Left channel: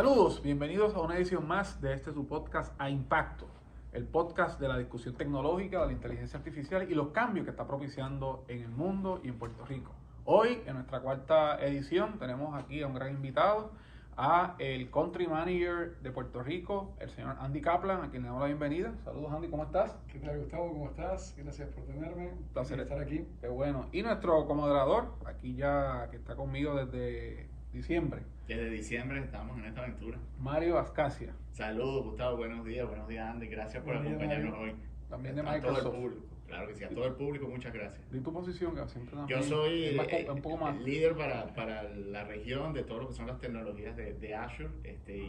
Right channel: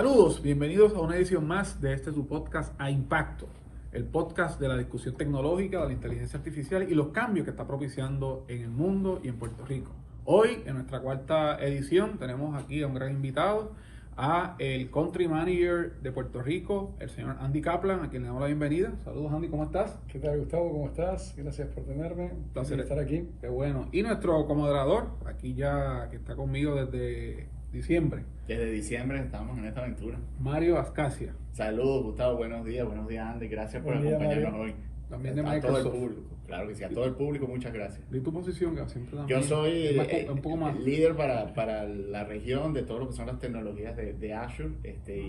Saludos, bienvenidos a una edición más de su podcast A Impacto, el podcast de la discusión tecnológica, de la inteligencia artificial y los cambios que está propiciando en el mundo y en Puerto Rico. Hoy, en nuestra cuarta edición, tenemos aquí a un gran invitado, a el Country Manager de Puerto Rico, el señor Andy Kaplan, a quien le damos la bienvenida. Saludos, Andy, ¿cómo estás? ¿Qué tal, Gustavo? ¿Cómo estás? Gracias por tenerme. Un placer estar aquí. Qué bueno. Y nuestro comoderador, aquí ya que está conmigo desde diciembre. Desde diciembre estamos en esta aventura. Mario Ascasia. Saludos, Gustavo, buenos días Andy, gracias por Buen día, acompañarnos Mario. hoy. También de A Microsoft. todo el público, claro que sí, a todo el público, muchas gracias. ¿Y tu posición? Que siempre Yo soy un poco más el líder para la región de todo lo que son las tecnologías de Azure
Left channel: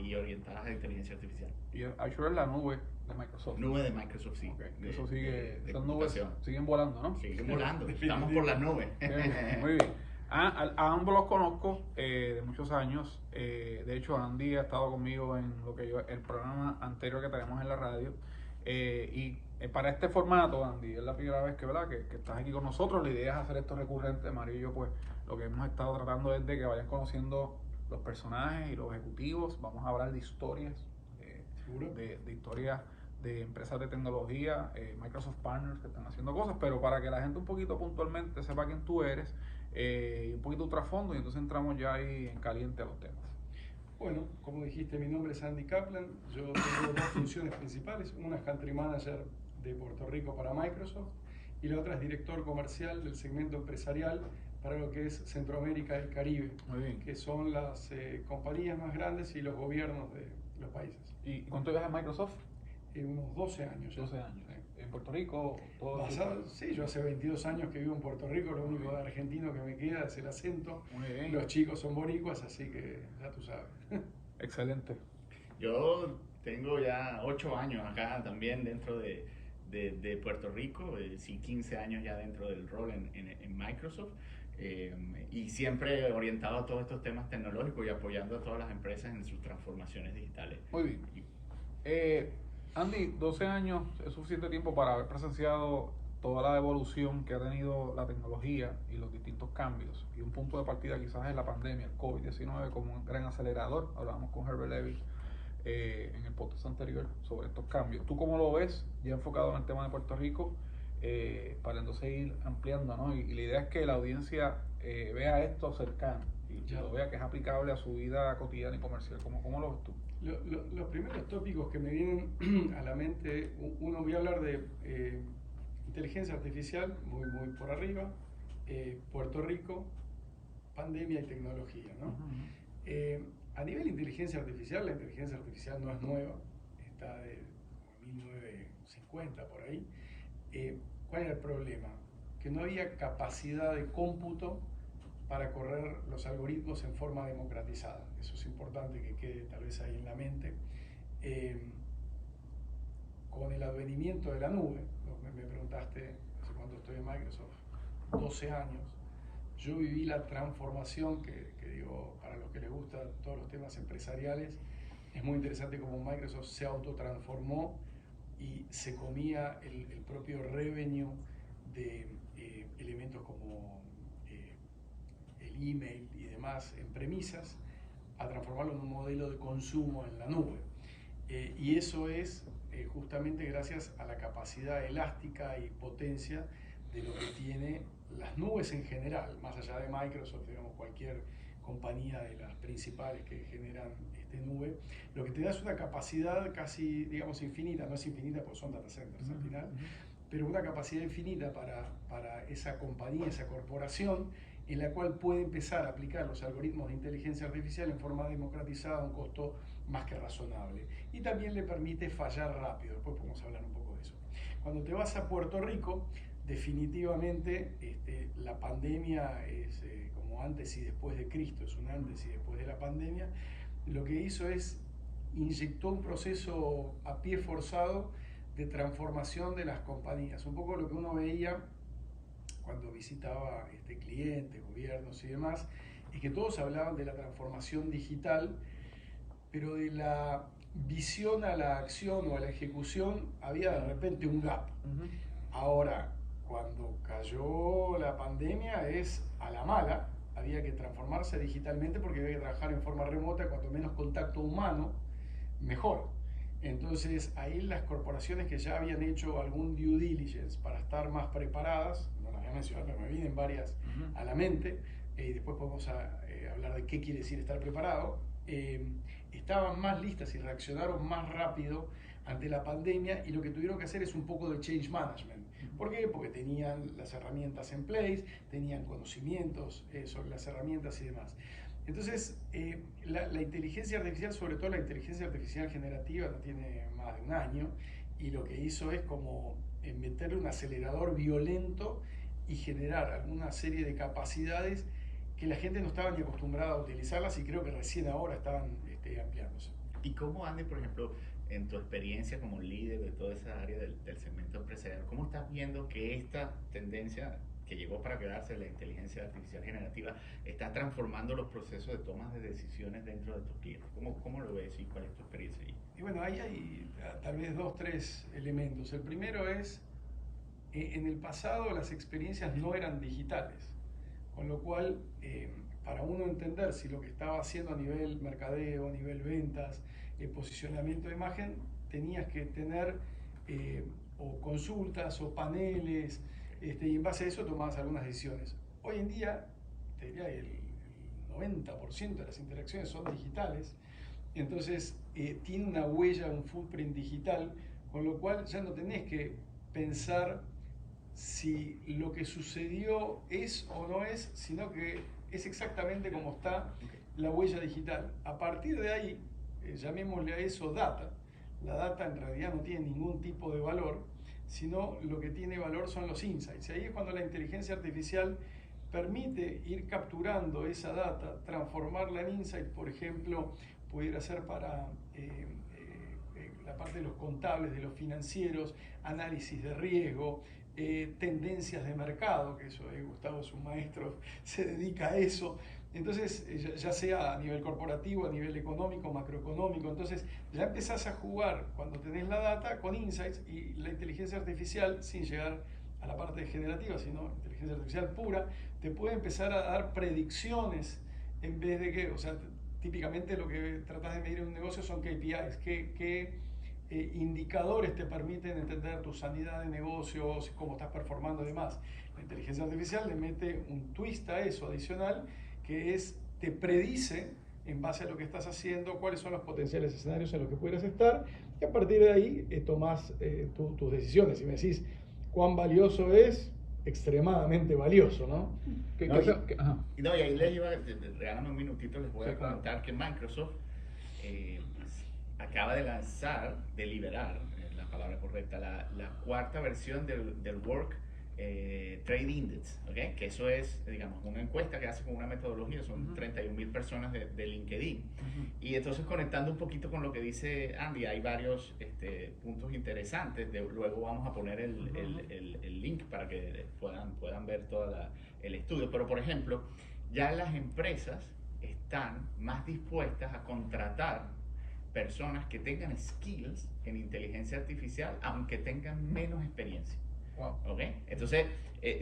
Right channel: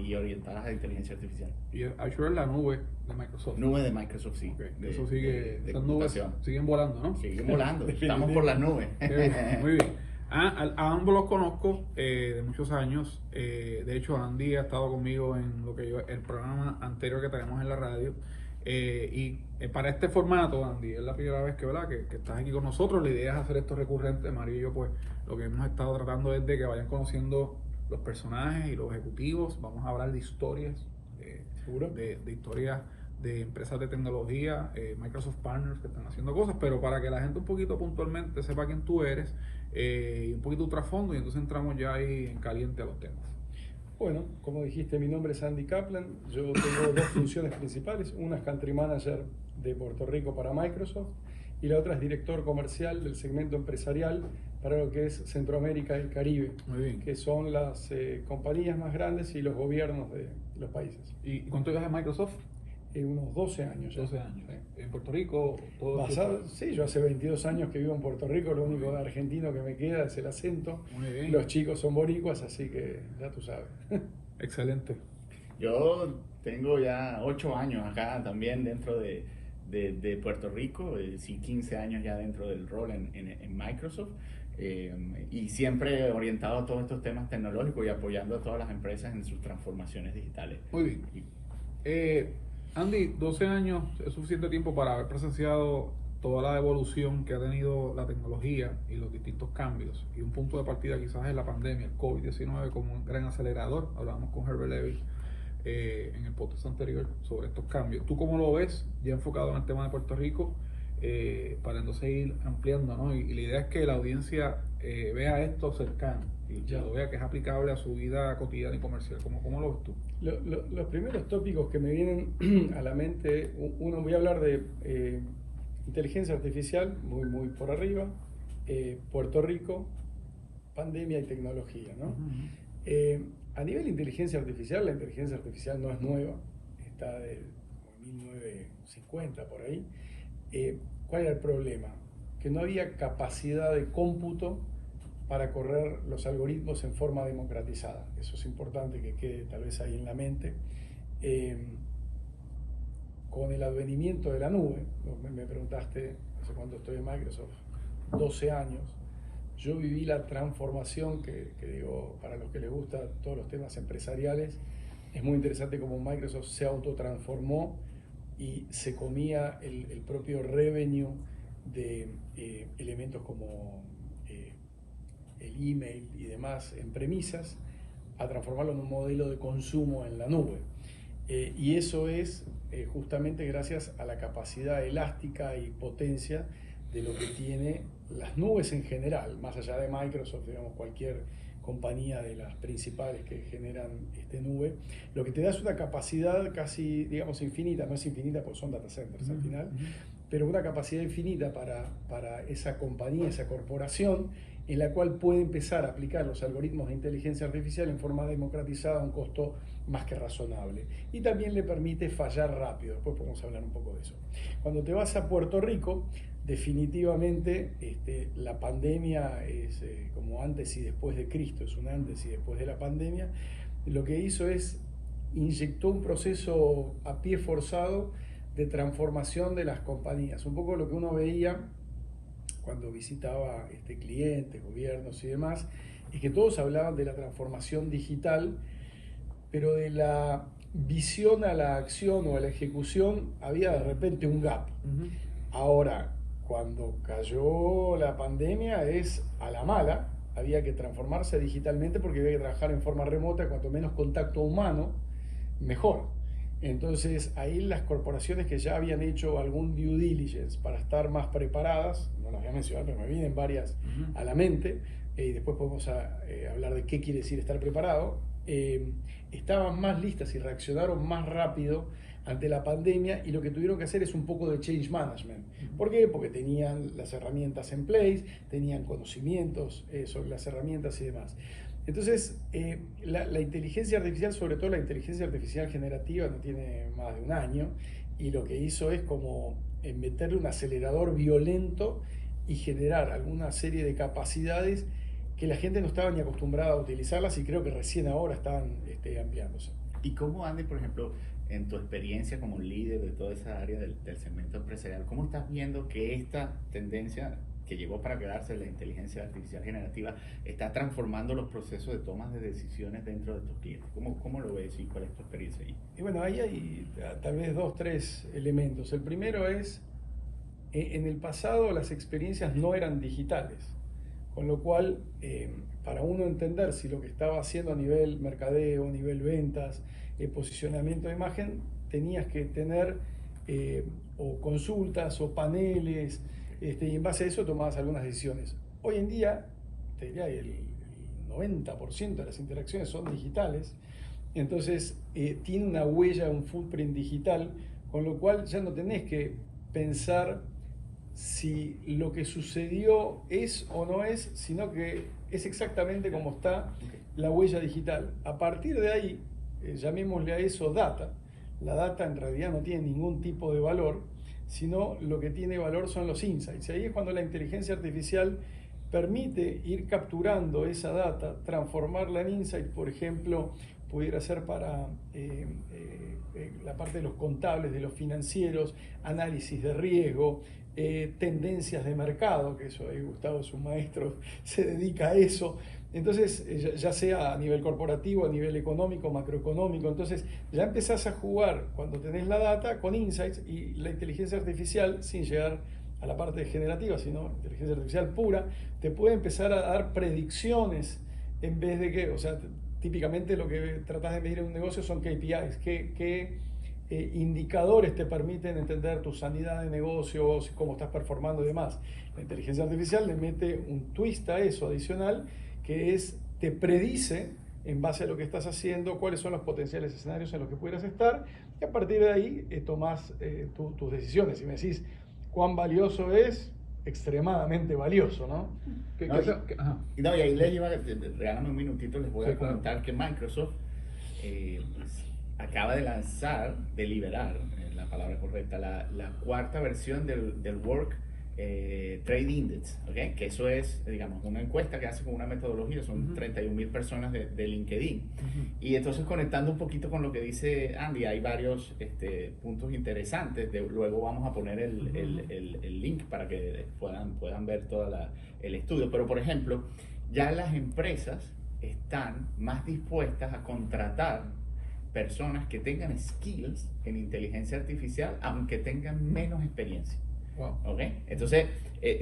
y orientadas a inteligencia artificial. Y Azure es la nube de Microsoft. Nube de Microsoft, sí. Okay. De, Eso sigue, de esas nubes computación. siguen volando, ¿no? Siguen volando, estamos por las nubes. Muy bien. A ambos los conozco de muchos años. De hecho, Andy ha estado conmigo en el programa anterior que tenemos en la radio. Para este formato, Andy, es la primera vez que estás aquí con nosotros. La idea es hacer esto recurrente. Mario y yo, pues, lo que hemos estado tratando es de que vayan conociendo los personajes y los ejecutivos. Vamos a hablar de historias, ¿Seguro? de historias de empresas de tecnología, Microsoft Partners que están haciendo cosas, pero para que la gente un poquito puntualmente sepa quién tú eres, y un poquito de trasfondo, y entonces entramos ya ahí en caliente a los temas. Bueno, como dijiste, mi nombre es Andy Kaplan. Yo tengo dos funciones principales. Una es Country Manager de Puerto Rico para Microsoft y la otra es Director Comercial del segmento empresarial para lo que es Centroamérica y el Caribe, Muy bien. que son las compañías más grandes y los gobiernos de los países. ¿Y cuánto llevas en Microsoft? Unos 12 años ya. 12 años. Sí. ¿En Puerto Rico? Sí, yo hace 22 años que vivo en Puerto Rico, lo único de argentino que me queda es el acento. Muy bien. Los chicos son boricuas, así que ya tú sabes. Excelente. Yo tengo ya 8 años acá también dentro de Puerto Rico, sí, 15 años ya dentro del rol en Microsoft, y siempre orientado a todos estos temas tecnológicos y apoyando a todas las empresas en sus transformaciones digitales. Muy bien. Andy, 12 años es suficiente tiempo para haber presenciado toda la evolución que ha tenido la tecnología y los distintos cambios. Y un punto de partida quizás es la pandemia, el COVID-19 como un gran acelerador. Hablábamos con Herbert Levy en el podcast anterior sobre estos cambios. ¿Tú cómo lo ves, ya enfocado en el tema de Puerto Rico, para entonces ir ampliando, ¿no? Y la idea es que la audiencia vea esto cercano y ya lo vea que es aplicable a su vida cotidiana y comercial. ¿Cómo lo ves tú? Los primeros tópicos que me vienen a la mente, uno, voy a hablar de inteligencia artificial, muy por arriba, Puerto Rico, pandemia y tecnología, ¿no? A nivel de inteligencia artificial, la inteligencia artificial no es nueva, está de 1950 por ahí. ¿Cuál era el problema? Que no había capacidad de cómputo para correr los algoritmos en forma democratizada. Eso es importante que quede tal vez ahí en la mente. Con el advenimiento de la nube, me preguntaste hace cuánto estoy en Microsoft, 12 años, yo viví la transformación que digo, para los que les gustan todos los temas empresariales, es muy interesante cómo Microsoft se autotransformó y se comía el propio revenue de elementos como el email y demás en premisas, a transformarlo en un modelo de consumo en la nube. Y eso es justamente gracias a la capacidad elástica y potencia de lo que tiene las nubes en general, más allá de Microsoft, digamos, cualquier compañía de las principales que generan nube, lo que te da es una capacidad casi, digamos, infinita, no es infinita porque son data centers al final, pero una capacidad infinita para esa compañía, esa corporación, en la cual puede empezar a aplicar los algoritmos de inteligencia artificial en forma democratizada a un costo más que razonable. Y también le permite fallar rápido, después podemos hablar un poco de eso. Cuando te vas a Puerto Rico, definitivamente la pandemia es como antes y después de Cristo, es un antes y después de la pandemia. Lo que hizo es inyectó un proceso a pie forzado de transformación de las compañías. Un poco lo que uno veía cuando visitaba clientes, gobiernos y demás, es que todos hablaban de la transformación digital, pero de la visión a la acción o a la ejecución había de repente un gap. Ahora, cuando cayó la pandemia es a la mala, había que transformarse digitalmente porque había que trabajar en forma remota, cuanto menos contacto humano, mejor. Entonces ahí las corporaciones que ya habían hecho algún due diligence para estar más preparadas, no las voy a mencionar, pero me vienen varias a la mente, y después podemos hablar de qué quiere decir estar preparado, estaban más listas y reaccionaron más rápido ante la pandemia, y lo que tuvieron que hacer es un poco de change management. ¿Por qué? Porque tenían las herramientas en place, tenían conocimientos sobre las herramientas y demás. Entonces, la inteligencia artificial, sobre todo la inteligencia artificial generativa, no tiene más de un año, y lo que hizo es como meterle un acelerador violento y generar alguna serie de capacidades que la gente no estaba ni acostumbrada a utilizarlas, y creo que recién ahora están ampliándose. ¿Y cómo, Andy, por ejemplo, en tu experiencia como líder de toda esa área del segmento empresarial, cómo estás viendo que esta tendencia que llegó para quedarse, la inteligencia artificial generativa, está transformando los procesos de tomas de decisiones dentro de tus clientes? ¿Cómo lo ves y cuál es tu experiencia ahí? Y bueno, ahí hay tal vez 2, 3 elementos. El primero es, en el pasado las experiencias no eran digitales, con lo cual para uno entender si lo que estaba haciendo a nivel mercadeo, a nivel ventas, posicionamiento de imagen, tenías que tener o consultas o paneles, y en base a eso tomabas algunas decisiones. Hoy en día, te diría que el 90% de las interacciones son digitales, entonces tiene una huella, un footprint digital, con lo cual ya no tenés que pensar si lo que sucedió es o no es, sino que es exactamente como está la huella digital. A partir de ahí, llamémosle a eso data. La data en realidad no tiene ningún tipo de valor, sino lo que tiene valor son los insights. Y ahí es cuando la inteligencia artificial permite ir capturando esa data, transformarla en insight. Por ejemplo, pudiera ser para la parte de los contables, de los financieros, análisis de riesgo, tendencias de mercado, que eso Gustavo es un maestro, se dedica a eso. Entonces, ya sea a nivel corporativo, a nivel económico, macroeconómico, entonces ya empezás a jugar cuando tenés la data con insights, y la inteligencia artificial, sin llegar a la parte generativa, sino inteligencia artificial pura, te puede empezar a dar predicciones en vez de que, o sea, típicamente lo que tratás de medir en un negocio son KPIs, que indicadores te permiten entender tu sanidad de negocios, cómo estás performando y demás. La inteligencia artificial le mete un twist a eso adicional, que es, te predice en base a lo que estás haciendo cuáles son los potenciales escenarios en los que pudieras estar, y a partir de ahí tomás tus decisiones. Y me decís cuán valioso es, extremadamente valioso, ¿no? Y ahí les iba, regálame un minutito, les voy a comentar que Microsoft acaba de lanzar, de liberar, la palabra correcta, la cuarta versión del Work Trade Index, ¿okay? Que eso es, digamos, una encuesta que hace con una metodología, son 31,000 personas de LinkedIn. Y entonces, conectando un poquito con lo que dice Andy, hay varios puntos interesantes. Luego vamos a poner el link para que puedan ver todo el estudio. Pero, por ejemplo, ya las empresas están más dispuestas a contratar personas que tengan skills en inteligencia artificial, aunque tengan menos experiencia. Wow. ¿Okay? Entonces,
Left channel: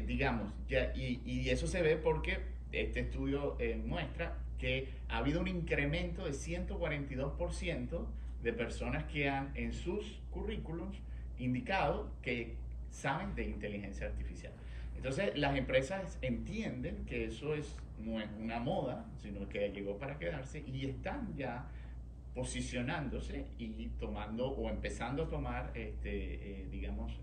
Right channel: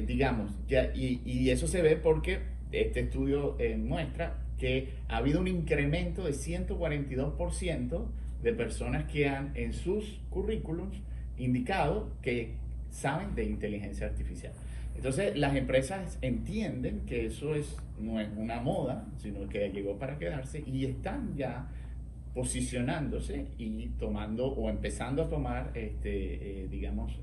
digamos, y eso se ve porque este estudio muestra que ha habido un incremento de 142% de personas que han en sus currículums indicado que saben de inteligencia artificial. Entonces, las empresas entienden que eso no es una moda, sino que llegó para quedarse, y están ya posicionándose y tomando o empezando a tomar, digamos,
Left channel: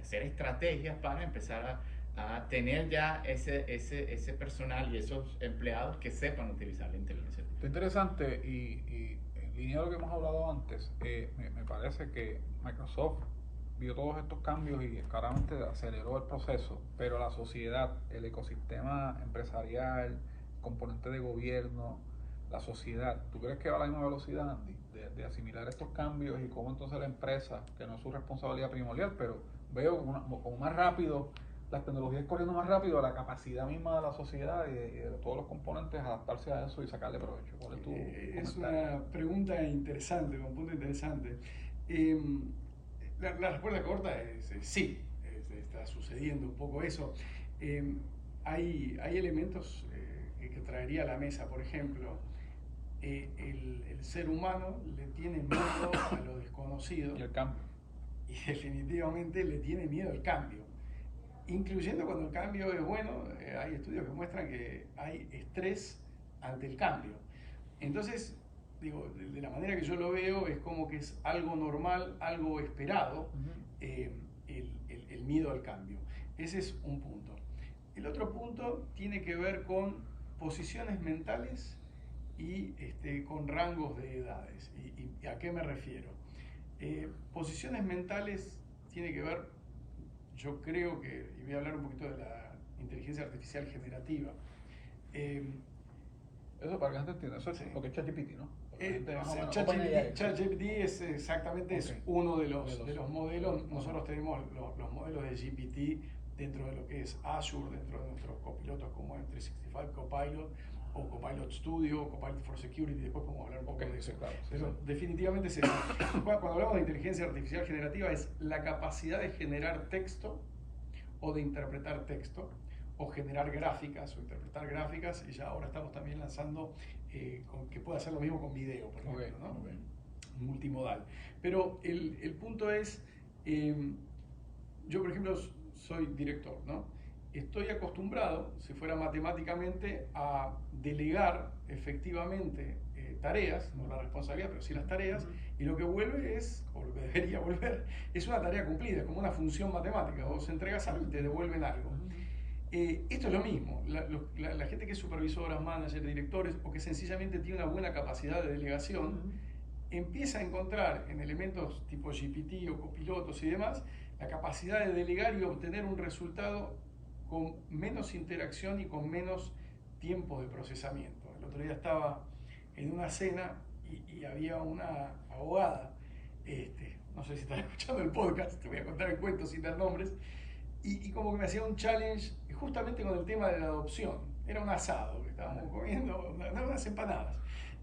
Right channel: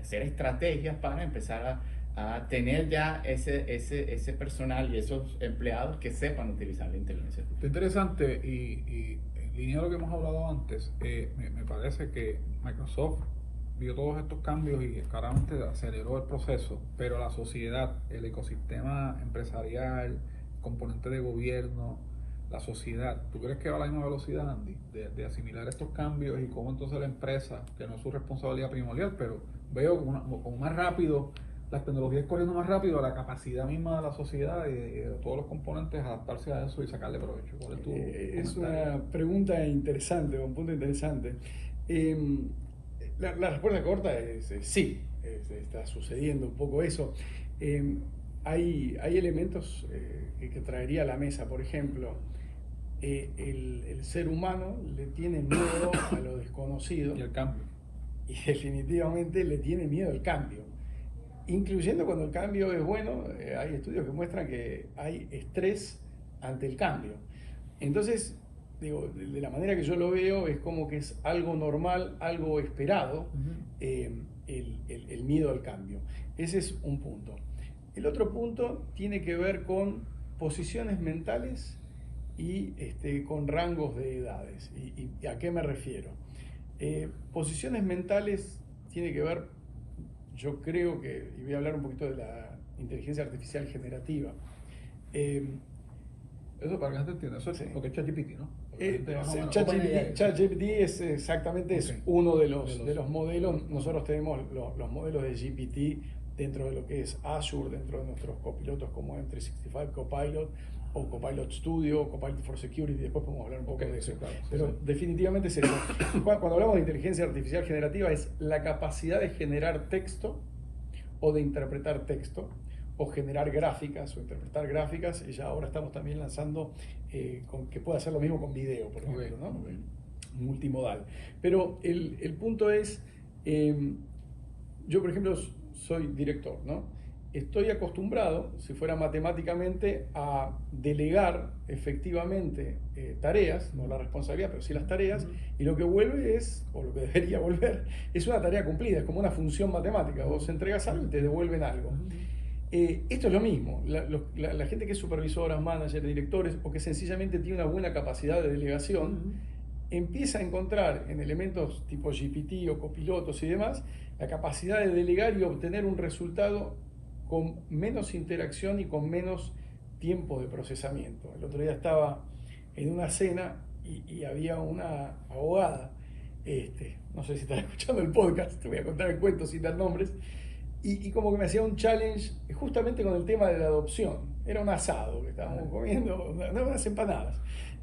hacer estrategias para empezar a tener ya ese personal y esos empleados que sepan utilizar la inteligencia artificial. Está interesante, y en línea de lo que hemos hablado antes, me parece que Microsoft vio todos estos cambios y claramente aceleró el proceso, pero la sociedad, el ecosistema empresarial, componente de gobierno, la sociedad, ¿tú crees que va a la misma velocidad, Andy, de asimilar estos cambios, y cómo entonces la empresa, que no es su responsabilidad primordial, pero veo como más rápido, las tecnologías corriendo más rápido, la capacidad misma de la sociedad y de todos los componentes adaptarse a eso y sacarle provecho? ¿Cuál es tu Es comentario? una pregunta interesante, un punto interesante. La respuesta corta es sí, está sucediendo un poco eso. hay elementos que traería a la mesa. Por ejemplo, el ser humano le tiene miedo a lo desconocido. Y el cambio. Y definitivamente le tiene miedo al cambio. Incluyendo cuando el cambio es bueno, hay estudios que muestran que hay estrés ante el cambio. Entonces, digo, de la manera que yo lo veo, es como que es algo normal, algo esperado, el miedo al cambio. Ese es un punto. El otro punto tiene que ver con posiciones mentales y con rangos de edades. ¿Y a qué me refiero? Posiciones mentales tiene que ver, yo creo que, y voy a hablar un poquito de la inteligencia artificial generativa. Eso para que la gente entienda, eso es porque es ChatGPT, ¿no? ChatGPT es exactamente es uno de los modelos. Nosotros tenemos los modelos de GPT dentro de lo que es Azure, dentro de nuestros copilotos como M365 Copilot o Copilot Studio, o Copilot for Security. Después podemos hablar un poco de eso. Claro, pero definitivamente es eso. Cuando hablamos de inteligencia artificial generativa, es la capacidad de generar texto o de interpretar texto, o generar gráficas o interpretar gráficas, y ya ahora estamos también lanzando que pueda hacer lo mismo con video, por ejemplo, ¿no? Multimodal. Pero el punto es, yo por ejemplo soy director, ¿no? Estoy acostumbrado, si fuera matemáticamente, a delegar efectivamente tareas, no la responsabilidad, pero sí las tareas, y lo que vuelve es, o lo que debería volver, es una tarea cumplida, es como una función matemática. Vos entregas algo y te devuelven algo. Esto es lo mismo. La gente que es supervisora, manager, directores, o que sencillamente tiene una buena capacidad de delegación, empieza a encontrar en elementos tipo GPT o copilotos y demás, la capacidad de delegar y obtener un resultado con menos interacción y con menos tiempo de procesamiento. El otro día estaba en una cena y había una abogada, no sé si están escuchando el podcast, te voy a contar el cuento sin dar nombres, y como que me hacía un challenge justamente con el tema de la adopción. Era un asado que estábamos comiendo, unas empanadas.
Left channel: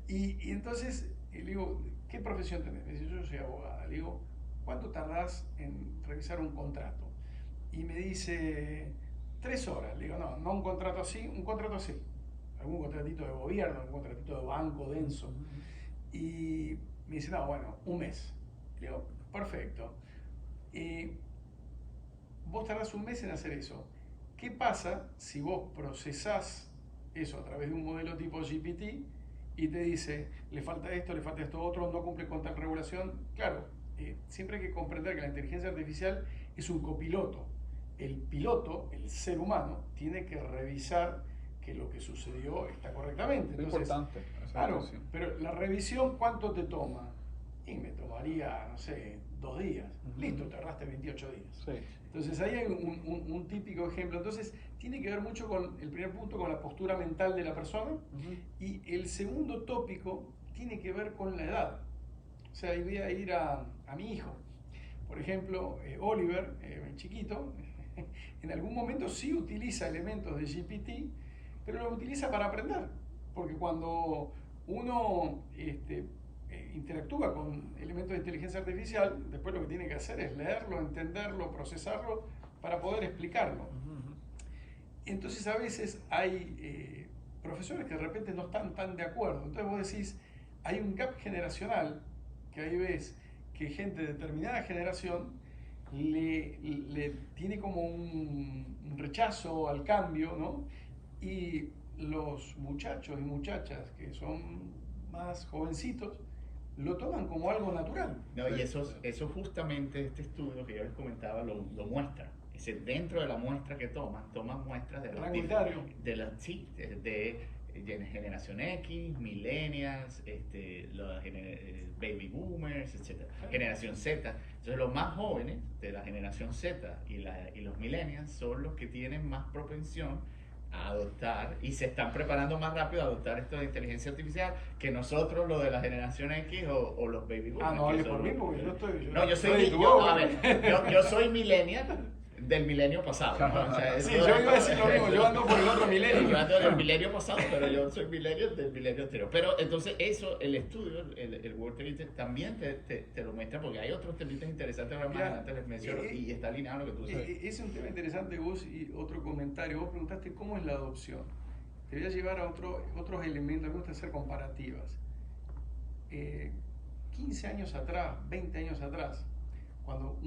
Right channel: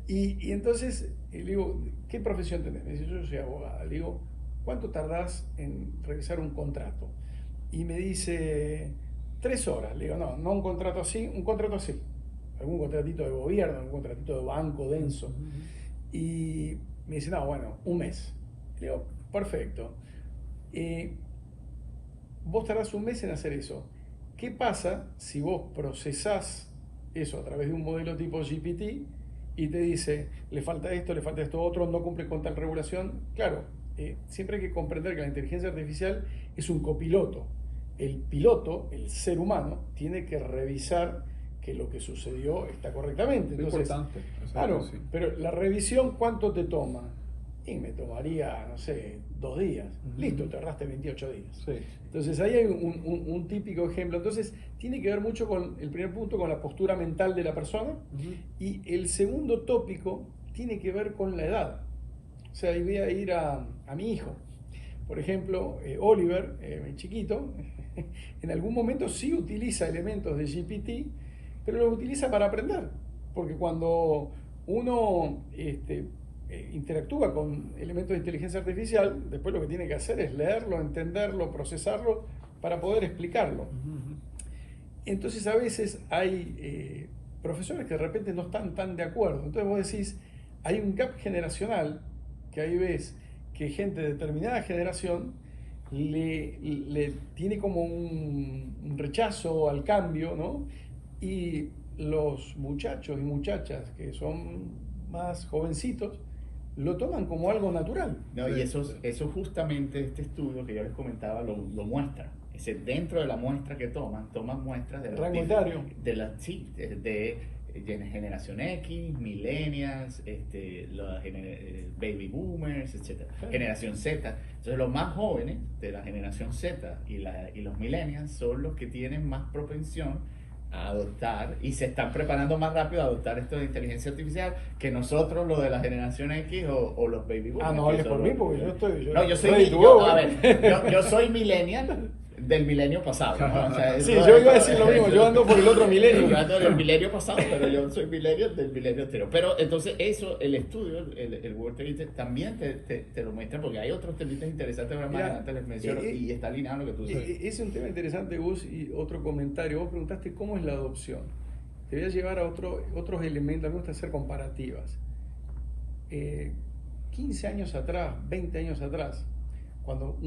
Y entonces le digo, ¿qué profesión tenés? Me dice, yo soy abogada. Le digo, ¿cuánto tardás en revisar un contrato? Y me dice, 3 horas. Le digo, no un contrato así, un contrato así. Algún contratito de gobierno, algún contratito de banco denso. Y me dice, no, bueno, 1 mes. Le digo, perfecto. Vos tardás 1 mes en hacer eso. ¿Qué pasa si vos procesás eso a través de un modelo tipo GPT y te dice, le falta esto otro, no cumple con tal regulación? Claro, siempre hay que comprender que la inteligencia artificial es un copiloto. El piloto, el ser humano, tiene que revisar que lo que sucedió está correctamente. Entonces, importante. Claro, pero la revisión, ¿cuánto te toma? Y me tomaría, no sé, 2 días. Listo, tardaste 28 días. Sí. Entonces ahí hay un típico ejemplo. Entonces tiene que ver mucho con el primer punto, con la postura mental de la persona. Y el segundo tópico tiene que ver con la edad. O sea, ahí voy a ir a mi hijo. Por ejemplo, Oliver, mi chiquito, en algún momento sí utiliza elementos de GPT, pero los utiliza para aprender. Porque cuando uno interactúa con elementos de inteligencia artificial, después lo que tiene que hacer es leerlo, entenderlo, procesarlo para poder explicarlo. Entonces a veces hay profesores que de repente no están tan de acuerdo. Entonces vos decís, hay un gap generacional, que ahí ves que gente de determinada generación le tiene como un rechazo al cambio, ¿no? Y los muchachos y muchachas que son más jovencitos lo toman como algo natural. No, y eso justamente este estudio que ya les comentaba lo muestra. Es decir, dentro de la muestra que toman muestras de rango etario. De generación X, millennials, los baby boomers, etc. Generación Z. Entonces los más jóvenes de la generación Z y los millennials son los que tienen más propensión a adoptar y se están preparando más rápido a adoptar esto de inteligencia artificial que nosotros, lo de la generación X o los baby boomers. No hables por mí porque yo estoy... yo soy millennial, del milenio pasado, ¿no? O sea, Sí, yo iba a decir lo mismo, yo ando por el otro milenio. Yo ando del milenio pasado, pero yo soy milenio del milenio anterior. Pero entonces eso, el estudio, el World Trade Center, también te lo muestra, porque hay otros temas interesantes que más adelante les menciono, y está alineado en lo que tú sabes. Es un tema interesante, Gus, y otro comentario. Vos preguntaste cómo es la adopción. Te voy a llevar a otros elementos, me gusta hacer comparativas. 15 años atrás, 20 años atrás, cuando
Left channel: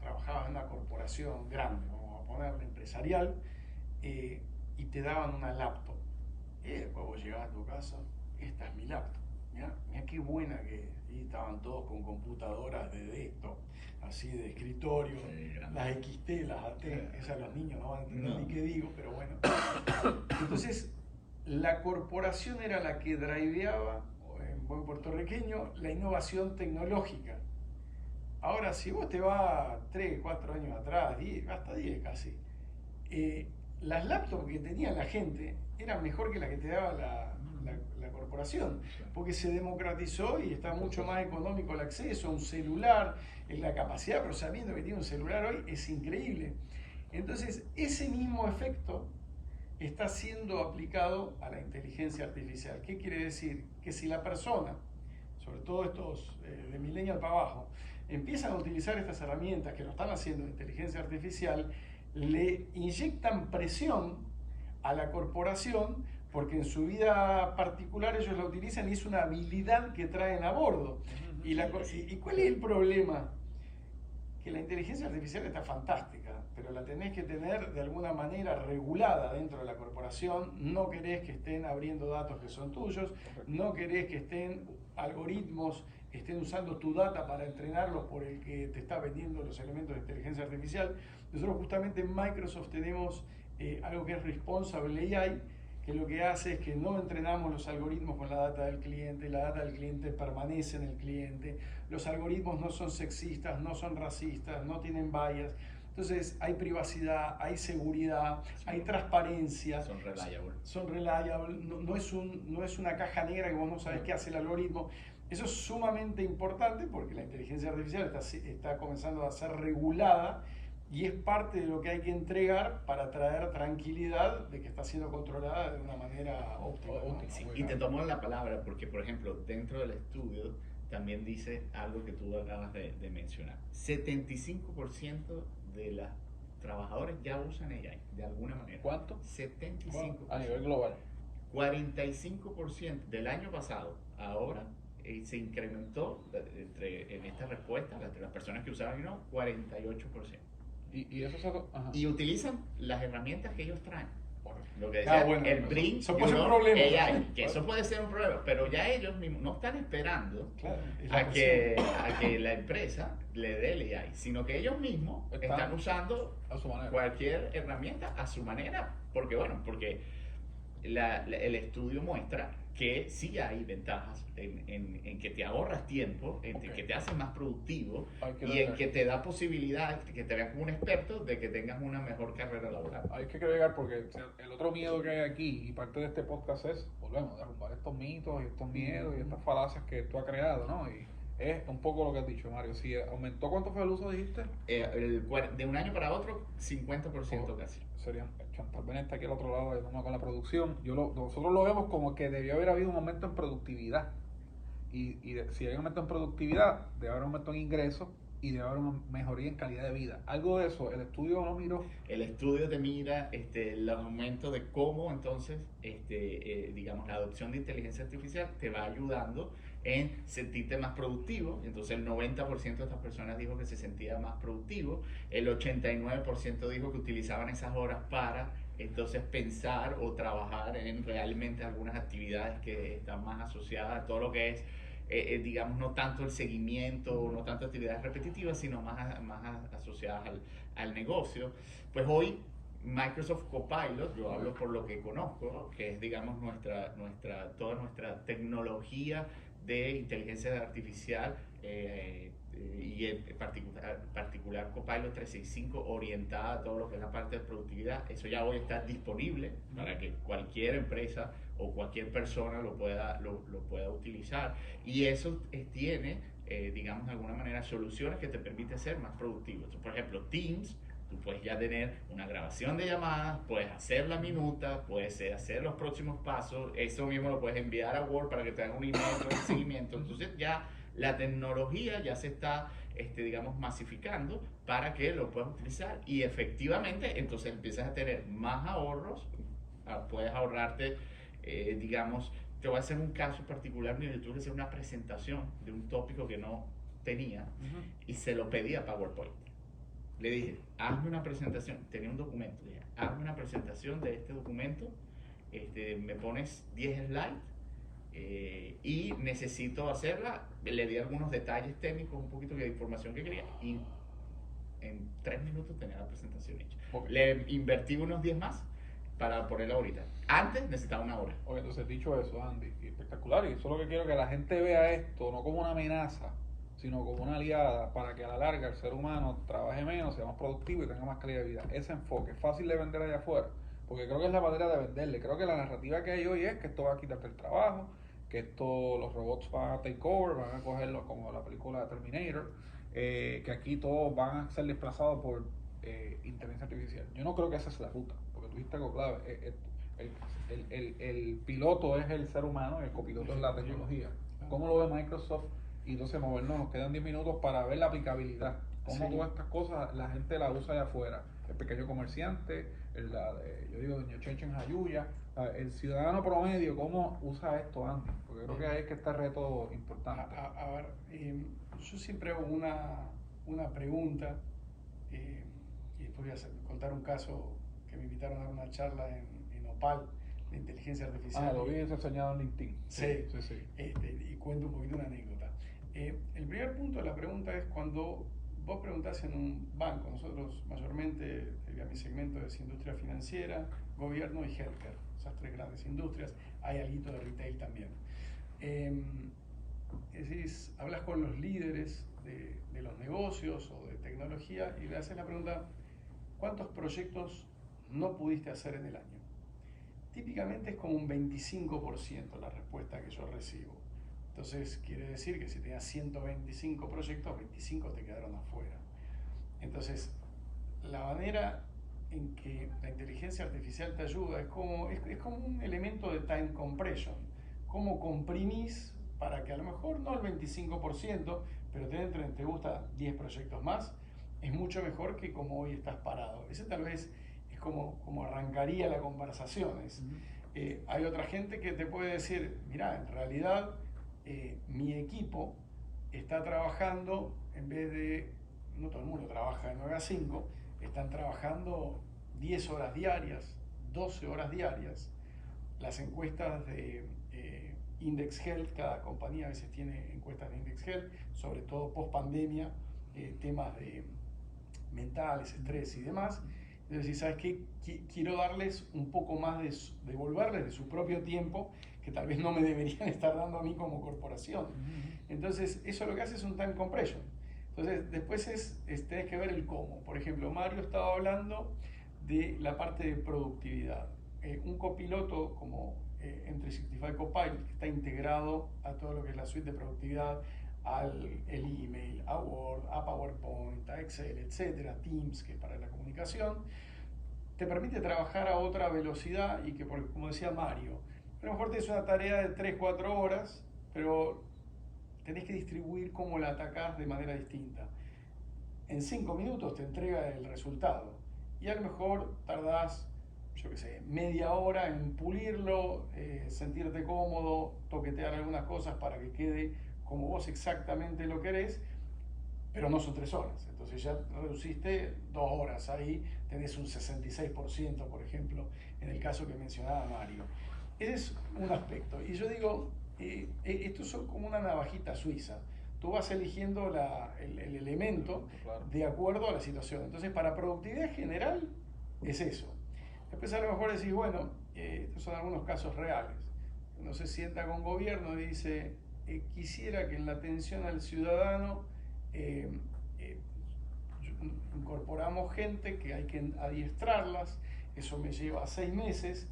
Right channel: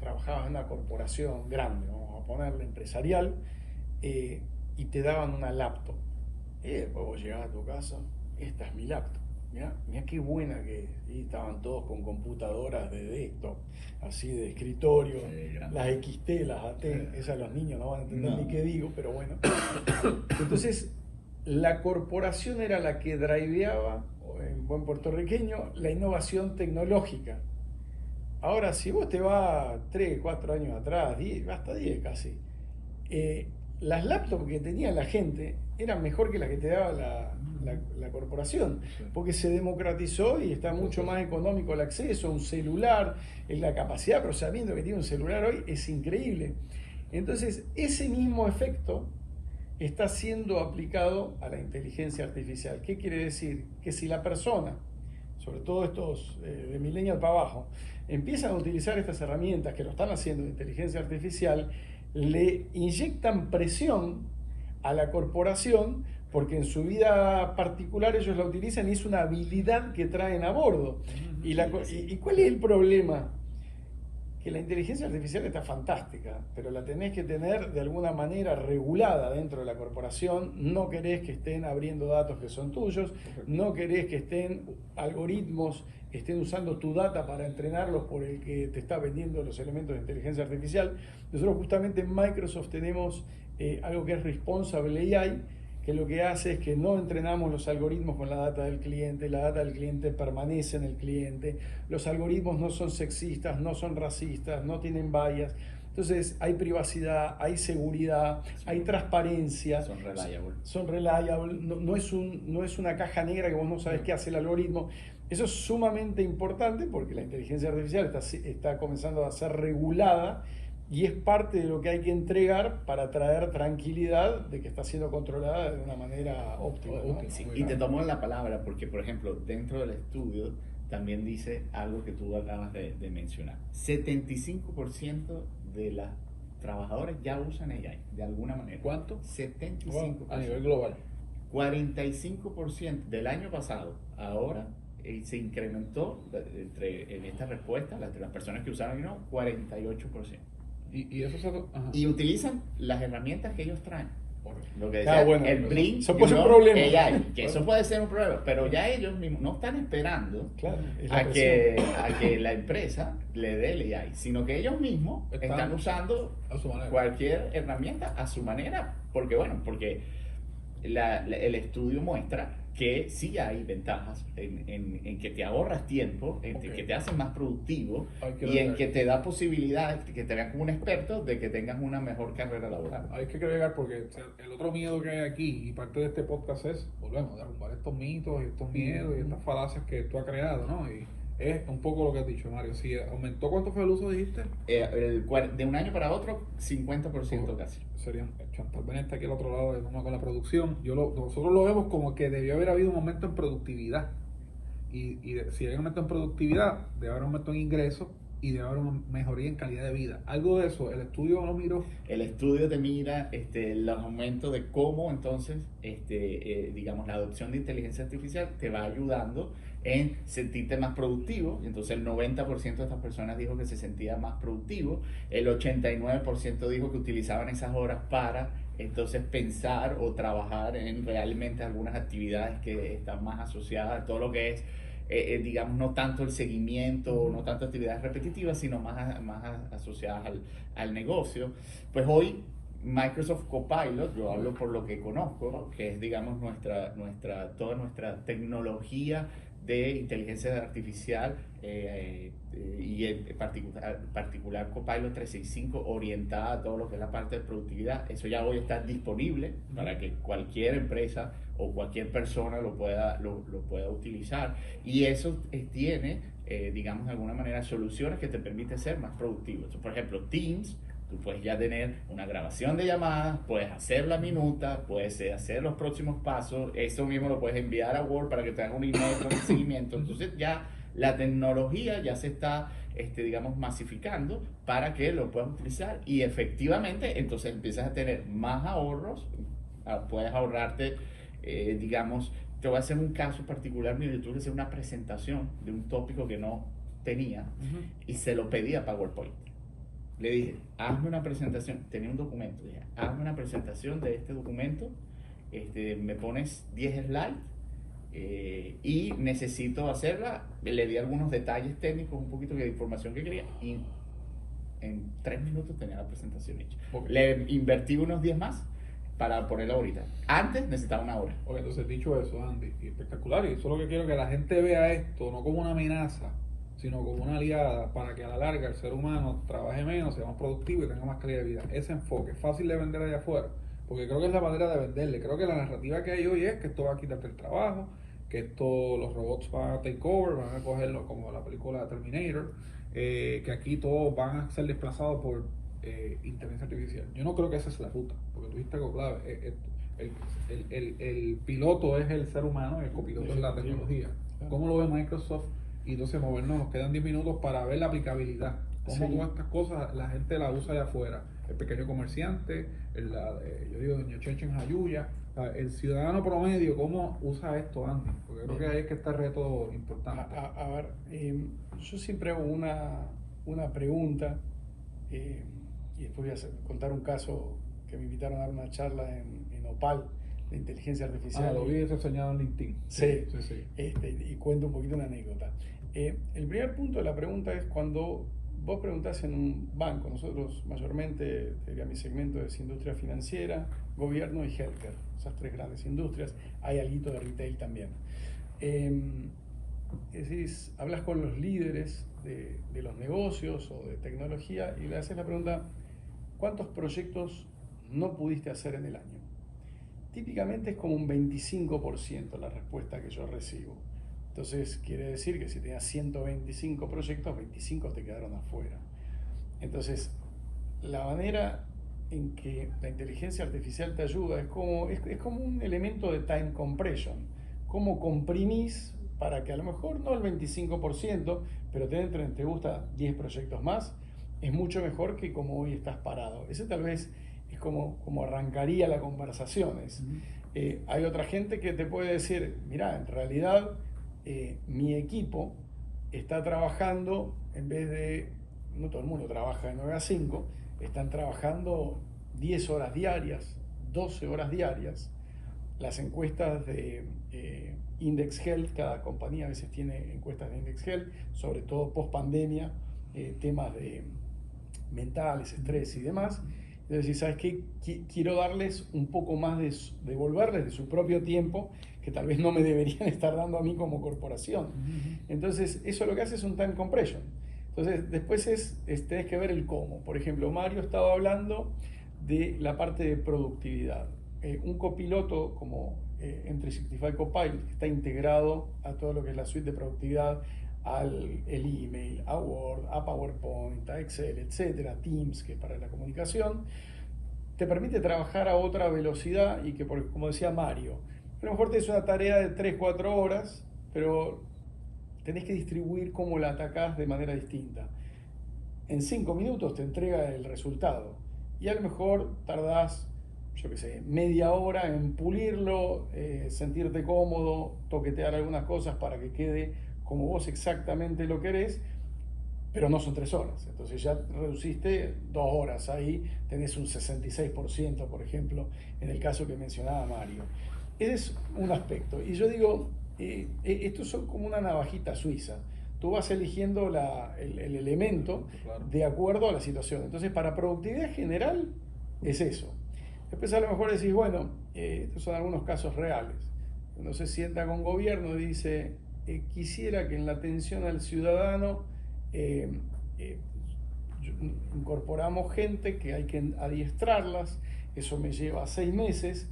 trabajaba en una corporación grande, vamos a ponerle empresarial, y te daban una laptop. Vos llegabas a tu casa, esta es mi laptop. Mirá qué buena que es. Y estaban todos con computadoras de desktop, así de escritorio, las XT, las AT, esas los niños no van a entender ni qué digo, pero bueno. Entonces, la corporación era la que driveaba, en buen puertorriqueño, la innovación tecnológica. Ahora, si vos te vas 3, 4 años atrás, 10, hasta 10 casi, las laptops que tenía la gente eran mejor que las que te daba la corporación, porque se democratizó y está mucho más económico el acceso, un celular, la capacidad de procesamiento que tiene un celular hoy es increíble. Entonces, ese mismo efecto está siendo aplicado a la inteligencia artificial. ¿Qué quiere decir? Que si la persona, sobre todo estos de millennial para abajo, empiezan a utilizar estas herramientas que lo están haciendo de inteligencia artificial, le inyectan presión a la corporación porque en su vida particular ellos la utilizan y es una habilidad que traen a bordo. ¿Y cuál es el problema? Que la inteligencia artificial está fantástica, pero la tenés que tener de alguna manera regulada dentro de la corporación. No querés que estén abriendo datos que son tuyos, no querés que algoritmos estén usando tu data para entrenarlos por el que te está vendiendo los elementos de inteligencia artificial. Nosotros justamente en Microsoft tenemos algo que es Responsible AI, que lo que hace es que no entrenamos los algoritmos con la data del cliente, la data del cliente permanece en el cliente, los algoritmos no son sexistas, no son racistas, no tienen bias. Entonces hay privacidad, hay seguridad, hay transparencia. Son reliable. No es una caja negra que vos no sabés qué hace el algoritmo. Eso es sumamente importante porque la inteligencia artificial está comenzando a ser regulada y es parte de lo que hay que entregar para traer tranquilidad de que está siendo controlada de una manera óptima, ¿no? Sí, y te tomo la palabra porque, por ejemplo, dentro del estudio también dice algo que tú acabas de mencionar. 75% de las trabajadores ya usan AI de alguna manera. ¿Cuánto? 75%. A nivel global. 45% del año pasado, ahora se incrementó en esta respuesta, las personas que usaron y no, 48%. Y eso solo, y utilizan las herramientas que ellos traen. Lo que decía, bueno, el Blink, eso puede ser un problema. AI, que eso puede ser un problema, pero ya ellos mismos no están esperando a que la empresa le dé el AI, sino que ellos mismos están usando cualquier herramienta a su manera, porque el estudio muestra que sí hay ventajas en que te ahorras tiempo, en que te haces más productivo y en que te da posibilidades, que te veas como un experto de que tengas una mejor carrera laboral. Hay que creer porque el otro miedo que hay aquí, y parte de este podcast es, volvemos a derrumbar estos mitos, estos miedos y estas falacias que tú has creado, ¿no? Y es un poco lo que has dicho, Mario. Si aumentó, ¿cuánto fue el uso, dijiste? De un año para otro, 50% casi. Sería, Chantal Benet está aquí al otro lado, vamos con la producción. Nosotros lo vemos como que debió haber habido un aumento en productividad. Y si hay un aumento en productividad, debe haber un aumento en ingresos y debe haber una mejoría en calidad de vida. Algo de eso, el estudio lo miró. El estudio te mira el aumento de cómo entonces, digamos, la adopción de inteligencia artificial te va ayudando en sentirte más productivo. Entonces el 90% de estas personas dijo que se sentía más productivo, el 89% dijo que utilizaban esas horas para entonces pensar o trabajar en realmente algunas actividades que están más asociadas a todo lo que es digamos, no tanto el seguimiento, no tanto actividades repetitivas, sino más asociadas al negocio. Pues hoy Microsoft Copilot, yo hablo por lo que conozco, que es, digamos, toda nuestra tecnología de inteligencia artificial y en particular Copilot 365 orientada a todo lo que es la parte de productividad. Eso ya hoy está disponible para que cualquier empresa o cualquier persona lo pueda utilizar, y eso tiene digamos de alguna manera soluciones que te permiten ser más productivo. Entonces, por ejemplo, Teams Tú puedes ya tener una grabación de llamadas, puedes hacer la minuta, puedes hacer los próximos pasos, eso mismo lo puedes enviar a Word para que te haga un email con el seguimiento. Entonces ya la tecnología ya se está, digamos, masificando para que lo puedas utilizar y efectivamente entonces empiezas a tener más ahorros, puedes ahorrarte, digamos, te voy a hacer un caso particular, mire, tuve que hacer una presentación de un tópico que no tenía y se lo pedí a PowerPoint. Le dije, hazme una presentación, tenía un documento, dije, hazme una presentación de este documento, me pones 10 slides y necesito hacerla, le di algunos detalles técnicos, un poquito de información que quería y en 3 minutos tenía la presentación hecha. Okay. Le invertí unos 10 más para ponerla ahorita. Antes necesitaba una hora. Ok, entonces dicho eso, Andy, y espectacular, y eso es lo que quiero, que la gente vea esto no como una amenaza, sino como una aliada para que a la larga el ser humano trabaje menos, sea más productivo y tenga más creatividad. Ese enfoque es fácil de vender allá afuera, porque creo que es la manera de venderle. Creo que la narrativa que hay hoy es que esto va a quitarte el trabajo, que esto, los robots van a take over, van a cogerlo como la película de Terminator, que aquí todos van a ser desplazados por inteligencia artificial. Yo no creo que esa es la ruta, porque tú dijiste algo clave. El piloto es el ser humano, el copiloto es la tecnología. ¿Cómo lo ve Microsoft? Y entonces movernos, nos quedan 10 minutos para ver la aplicabilidad. Cómo todas estas cosas la gente la usa allá afuera. El pequeño comerciante, yo digo, Ñochecho en Jayuya, el ciudadano promedio, ¿cómo usa esto antes? Porque creo que ahí es que está el reto importante. A ver, yo siempre hago una pregunta y después voy a contar un caso que me invitaron a dar una charla en Opal de inteligencia artificial. Lo vi reseñado en LinkedIn. Sí. Y cuento un poquito una anécdota. El primer punto de la pregunta es cuando vos preguntás en un banco, nosotros mayormente, mi segmento es industria financiera, gobierno y healthcare, esas 3 grandes industrias, hay algo de retail también. Decís, hablas con los líderes de los negocios o de tecnología y le haces la pregunta, ¿cuántos proyectos no pudiste hacer en el año? Típicamente es como un 25% la respuesta que yo recibo. Entonces quiere decir que si tenías 125 proyectos, 25 te quedaron afuera. Entonces, la manera en que la inteligencia artificial te ayuda es como un elemento de time compression. Cómo comprimís para que a lo mejor no el 25%, pero te gusta 10 proyectos más, es mucho mejor que como hoy estás parado. Ese tal vez es como arrancaría la conversación. Hay otra gente que te puede decir, mirá, en realidad mi equipo está trabajando, en vez de, no todo el mundo trabaja de 9 a 5, están trabajando 10 horas diarias, 12 horas diarias. Las encuestas de Index Health, cada compañía a veces tiene encuestas de Index Health, sobre todo post pandemia, temas de mentales, estrés y demás. Entonces, ¿sabes qué? Quiero darles un poco más devolverles de su propio tiempo, que tal vez no me deberían estar dando a mí como corporación. Entonces, eso lo que hace es un time compression. Entonces, después tenés que ver el cómo. Por ejemplo, Mario estaba hablando de la parte de productividad. Un copiloto como M365 Copilot, que está integrado a todo lo que es la suite de productividad, el email, a Word, a PowerPoint, a Excel, etcétera, Teams, que es para la comunicación, te permite trabajar a otra velocidad y que, como decía Mario, a lo mejor tienes una tarea de 3-4 horas, pero tenés que distribuir cómo la atacás de manera distinta. En 5 minutos te entrega el resultado y a lo mejor tardás, yo qué sé, media hora en pulirlo, sentirte cómodo, toquetear algunas cosas para que quede como vos exactamente lo querés, pero no son 3 horas. Entonces ya reduciste 2 horas. Ahí tenés un 66%, por ejemplo, en el caso que mencionaba Mario. Ese es un aspecto. Y yo digo, estos son como una navajita suiza. Tú vas eligiendo el elemento de acuerdo a la situación. Entonces, para productividad general, es eso. Después a lo mejor decís, bueno, estos son algunos casos reales. Uno se sienta con gobierno y dice, quisiera que en la atención al ciudadano incorporamos gente que hay que adiestrarlas, eso me lleva 6 meses.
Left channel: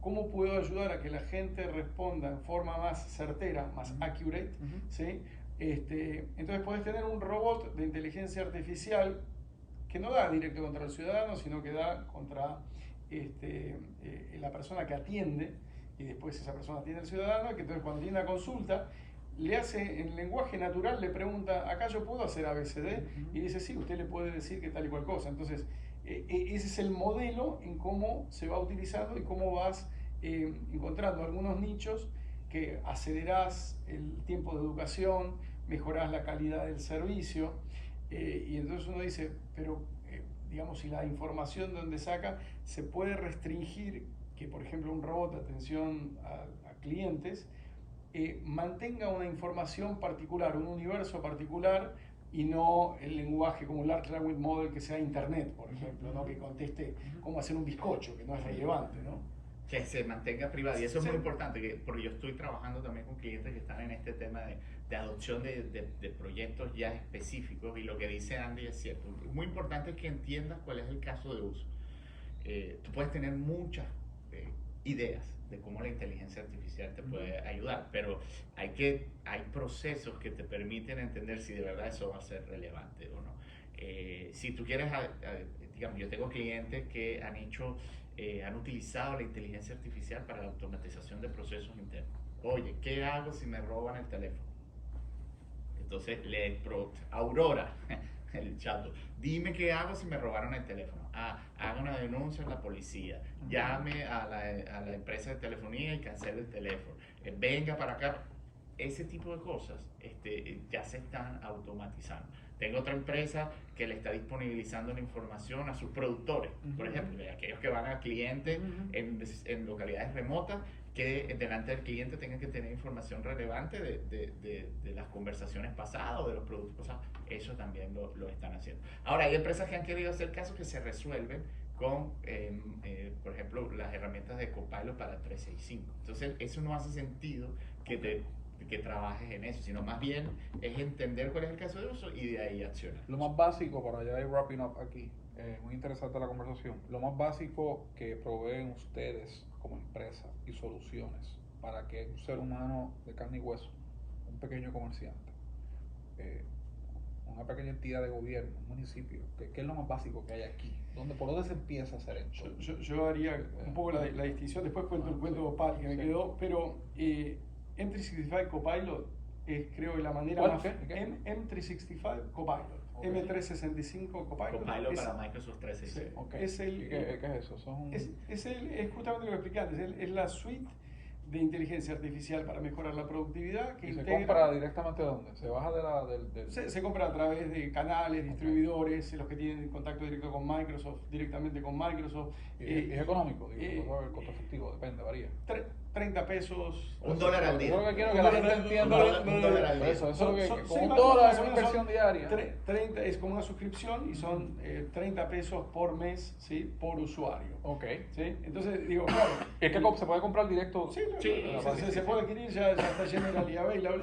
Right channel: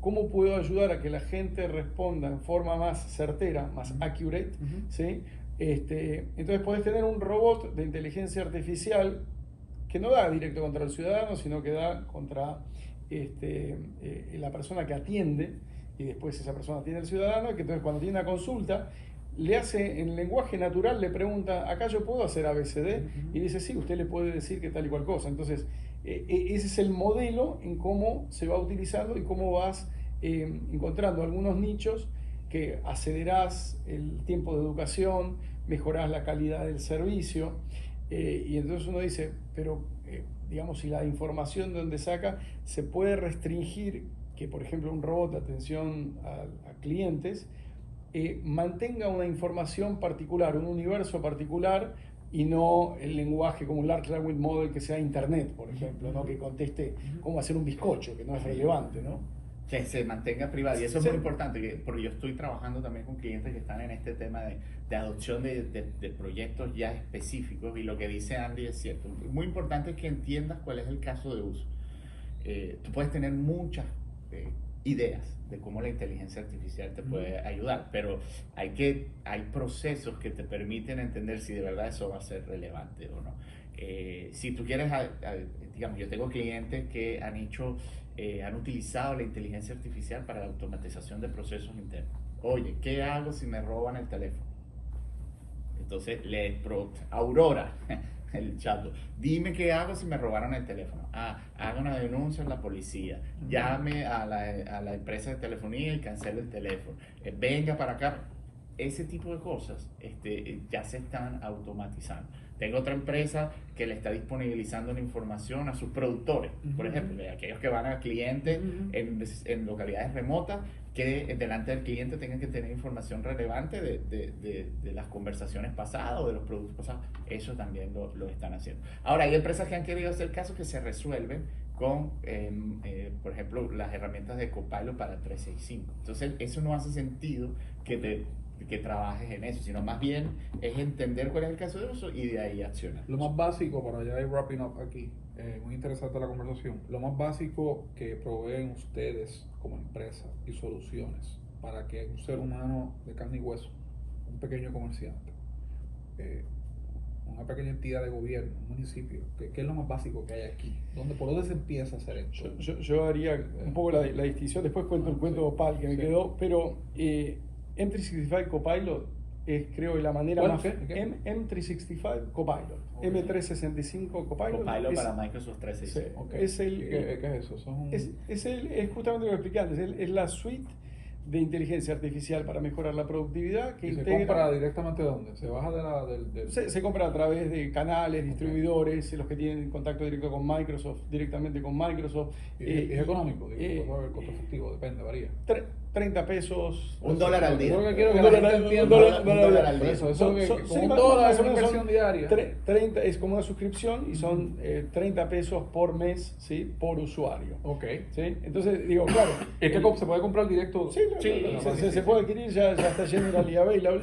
¿Cómo puedo ayudar a que la gente responda en forma más certera, más accurate? ¿Sí? Entonces podés tener un robot de inteligencia artificial que no da directo contra el ciudadano, sino que da contra la persona que atiende, y después esa persona atiende al ciudadano, que entonces cuando tiene una consulta, le hace en lenguaje natural, le pregunta, acá yo puedo hacer ABCD, y dice, sí, usted le puede decir que tal y cual cosa. Entonces, ese es el modelo en cómo se va utilizando y cómo vas encontrando algunos nichos que acelerás el tiempo de educación, mejorás la calidad del servicio, y entonces uno dice, pero digamos, si la información de donde saca se puede restringir que, por ejemplo, un robot de atención a clientes mantenga una información particular, un universo particular, y no el lenguaje como un Large Language Model que sea Internet, por ejemplo, ¿no? Que conteste cómo hacer un bizcocho, que no es relevante, ¿no? Que se mantenga privado. Y eso es Sí. muy importante, porque yo estoy trabajando también con clientes que están en este tema de adopción de proyectos ya específicos, y lo que dice Andy es cierto. Muy importante es que entiendas cuál es el caso de uso. Tú puedes tener muchas ideas de cómo la inteligencia artificial te puede ayudar, pero hay procesos que te permiten entender si de verdad eso va a ser relevante o no. Si tú quieres, digamos, yo tengo clientes que han utilizado la inteligencia artificial para la automatización de procesos internos. Oye, ¿qué hago si me roban el teléfono? Entonces, Aurora, el chatbot, dime qué hago si me robaron el teléfono. Haga una denuncia a la policía, llame a la empresa de telefonía y cancele el teléfono. Venga para acá. Ese tipo de cosas ya se están automatizando. Tengo otra empresa que le está disponibilizando una información a sus productores, por ejemplo, de aquellos que van al cliente en localidades remotas, que delante del cliente tengan que tener información relevante de las conversaciones pasadas o de los productos pasados. Eso también lo están haciendo. Ahora, hay empresas que han querido hacer casos que se resuelven con, por ejemplo, las herramientas de Copilot para 365. Entonces, eso no hace sentido que trabajes en eso, sino más bien es entender cuál es el caso de uso y de ahí accionar. Lo más básico, para ya ir wrapping up aquí, muy interesante la conversación, lo más básico que proveen ustedes como empresa y soluciones para que un ser humano de carne y hueso, un pequeño comerciante, una pequeña entidad de gobierno, un municipio, ¿qué es lo más básico que hay aquí? ¿Por dónde se empieza a hacer esto? Yo haría un poco la distinción, después cuento el cuento Opal que me quedó, pero M365 Copilot es, creo, la manera más... M365 Copilot. Okay. M365 Copilot. Copilot es, para Microsoft 365. Sí, Okay. es el... ¿Qué es eso? Es justamente lo que explicaste, es la suite de inteligencia artificial para mejorar la productividad que ¿Y se integra... compra directamente dónde? ¿Se baja del...? Se compra a través de canales, distribuidores, los que tienen contacto directo con Microsoft, directamente con Microsoft. ¿Es económico? El costo efectivo, depende, varía. 30 pesos. $1 al día. Un dólar al día. Eso Son- es son- que sí, con más- un dólar más es o una menos son inversión diaria. 30, es como una suscripción y son 30 pesos por mes, ¿sí? Por usuario. Ok. ¿Sí? Entonces, digo, claro. ¿Es que se puede comprar directo? Sí, se puede adquirir, ya está generally available.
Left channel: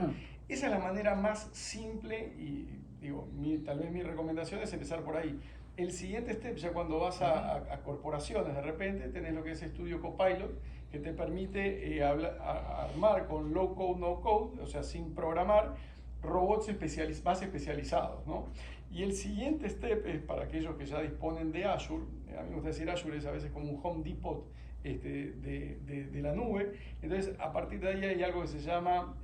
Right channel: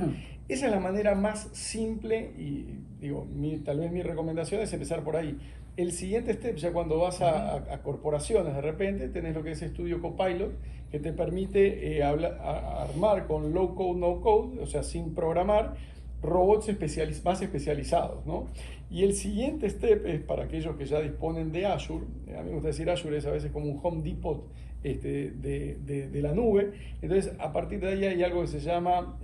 Esa es la manera más simple y digo, tal vez mi recomendación es empezar por ahí. El siguiente step, ya cuando vas a corporaciones, de repente tenés lo que es Studio Copilot, que te permite armar con low code, no code, o sea, sin programar, robots más especializados, ¿no? Y el siguiente step es para aquellos que ya disponen de Azure. A mí me gusta decir Azure es a veces como un Home Depot de la nube. Entonces, a partir de ahí hay algo que se llama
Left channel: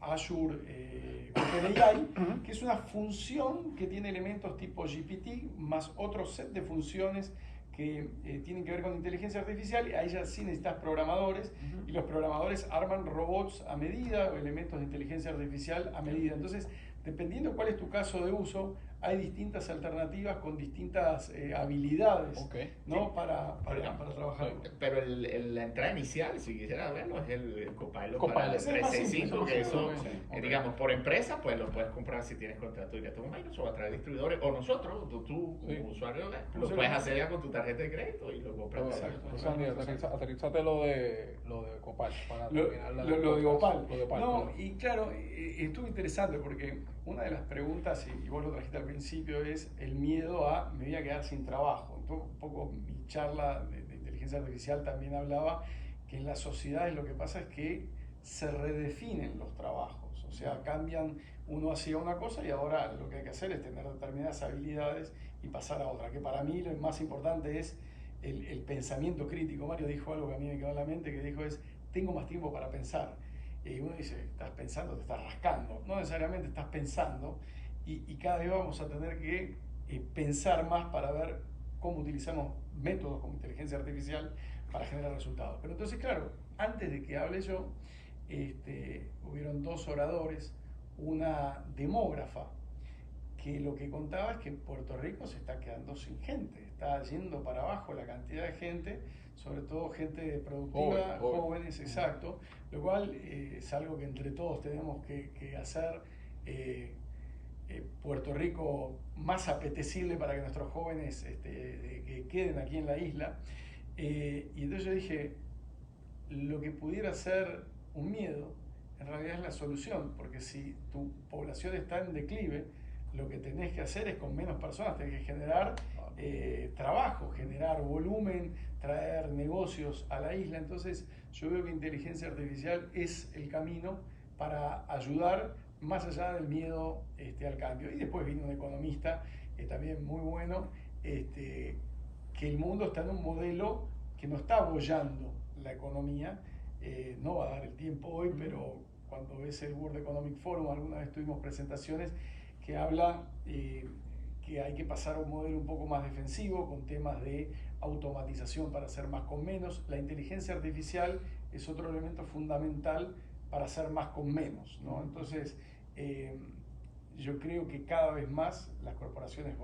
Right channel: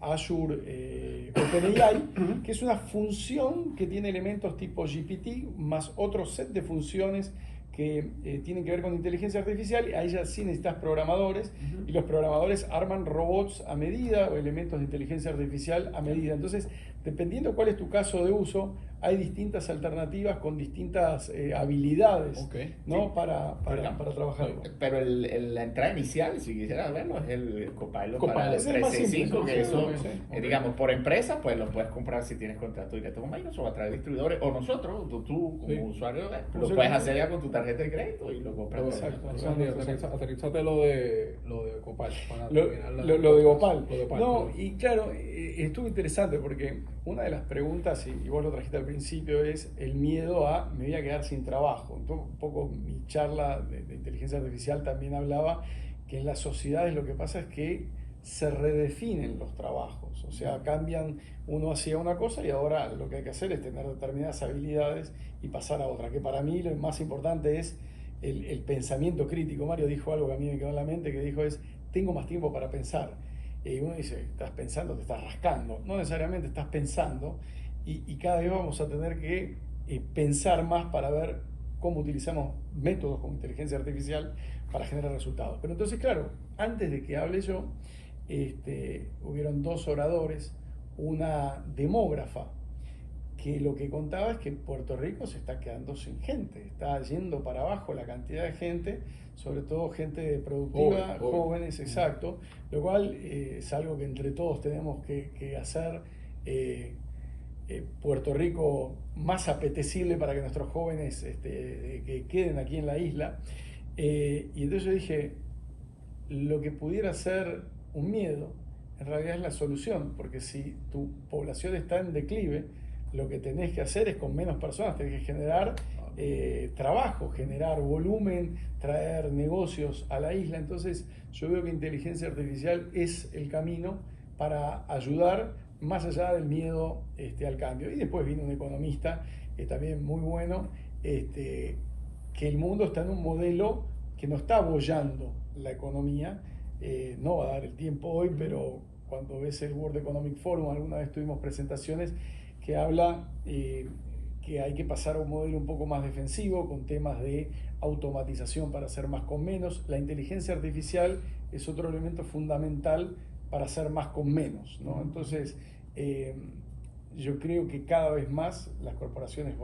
Azure OpenAI, que es una función que tiene elementos tipo GPT más otro set de funciones que tienen que ver con inteligencia artificial. Ahí ya sí necesitas programadores, y los programadores arman robots a medida o elementos de inteligencia artificial a medida. Entonces, dependiendo cuál es tu caso de uso, hay distintas alternativas con distintas habilidades, ¿no? Sí. para trabajarlo. Pero la entrada inicial, si quisieras verlo, es el Copilot para Copilot. Es el más simple, 365, que sí, eso, sí. digamos, por empresa, pues lo puedes comprar si tienes contrato directo con Microsoft a través de distribuidores, o nosotros, tú como usuario, lo puedes hacer ya con tu tarjeta de crédito y lo compras. Exacto. Aterrizate lo de Copal. Lo de Opal. No, y claro, estuvo interesante porque una de las preguntas, y vos lo trajiste al principio, es el miedo a me voy a quedar sin trabajo. Entonces, un poco mi charla de inteligencia artificial también hablaba que en las sociedades lo que pasa es que se redefinen los trabajos, o sea, cambian, uno hacía una cosa y ahora lo que hay que hacer es tener determinadas habilidades y pasar a otra, que para mí lo más importante es el pensamiento crítico. Mario dijo algo que a mí me quedó en la mente, que dijo es, tengo más tiempo para pensar. Y uno dice, estás pensando, te estás rascando. No necesariamente estás pensando, y cada vez vamos a tener que pensar más para ver cómo utilizamos métodos como inteligencia artificial para generar resultados. Pero entonces, claro, antes de que hable yo, hubieron dos oradores, una demógrafa, que lo que contaba es que Puerto Rico se está quedando sin gente, está yendo para abajo la cantidad de gente, sobre todo gente productiva, jóvenes, exacto, lo cual es algo que entre todos tenemos que hacer. Puerto Rico más apetecible para que nuestros jóvenes que queden aquí en la isla. Y entonces yo dije, lo que pudiera ser un miedo, en realidad es la solución, porque si tu población está en declive, lo que tenés que hacer es con menos personas, tenés que generar trabajo, generar volumen, traer negocios a la isla. Entonces yo veo que inteligencia artificial es el camino para ayudar más allá del miedo al cambio. Y después vino un economista también muy bueno, que el mundo está en un modelo que no está abollando la economía. No va a dar el tiempo hoy, pero cuando ves el World Economic Forum, alguna vez tuvimos presentaciones que habla que hay que pasar a un modelo un poco más defensivo, con temas de automatización para hacer más con menos. La inteligencia artificial es otro elemento fundamental para hacer más con menos, ¿no? Entonces, yo creo que cada vez más las corporaciones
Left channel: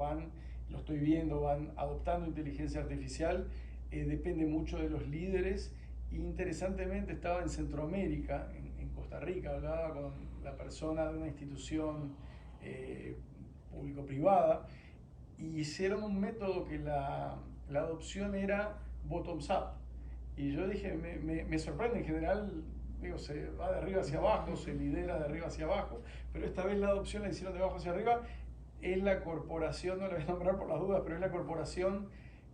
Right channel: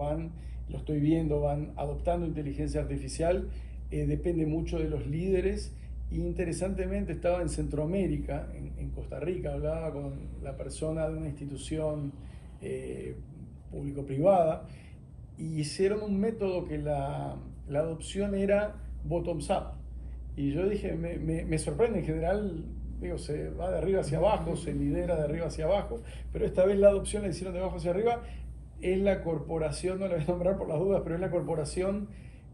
lo estoy viendo, van adoptando inteligencia artificial. Depende mucho de los líderes. Y interesantemente estaba en Centroamérica, en Costa Rica, hablaba con la persona de una institución público-privada, y hicieron un método que la adopción era bottoms up. Y yo dije, me sorprende, en general, digo, se va de arriba hacia abajo, se lidera de arriba hacia abajo, pero esta vez la adopción la hicieron de abajo hacia arriba. Es la corporación, no la voy a nombrar por las dudas, pero es la corporación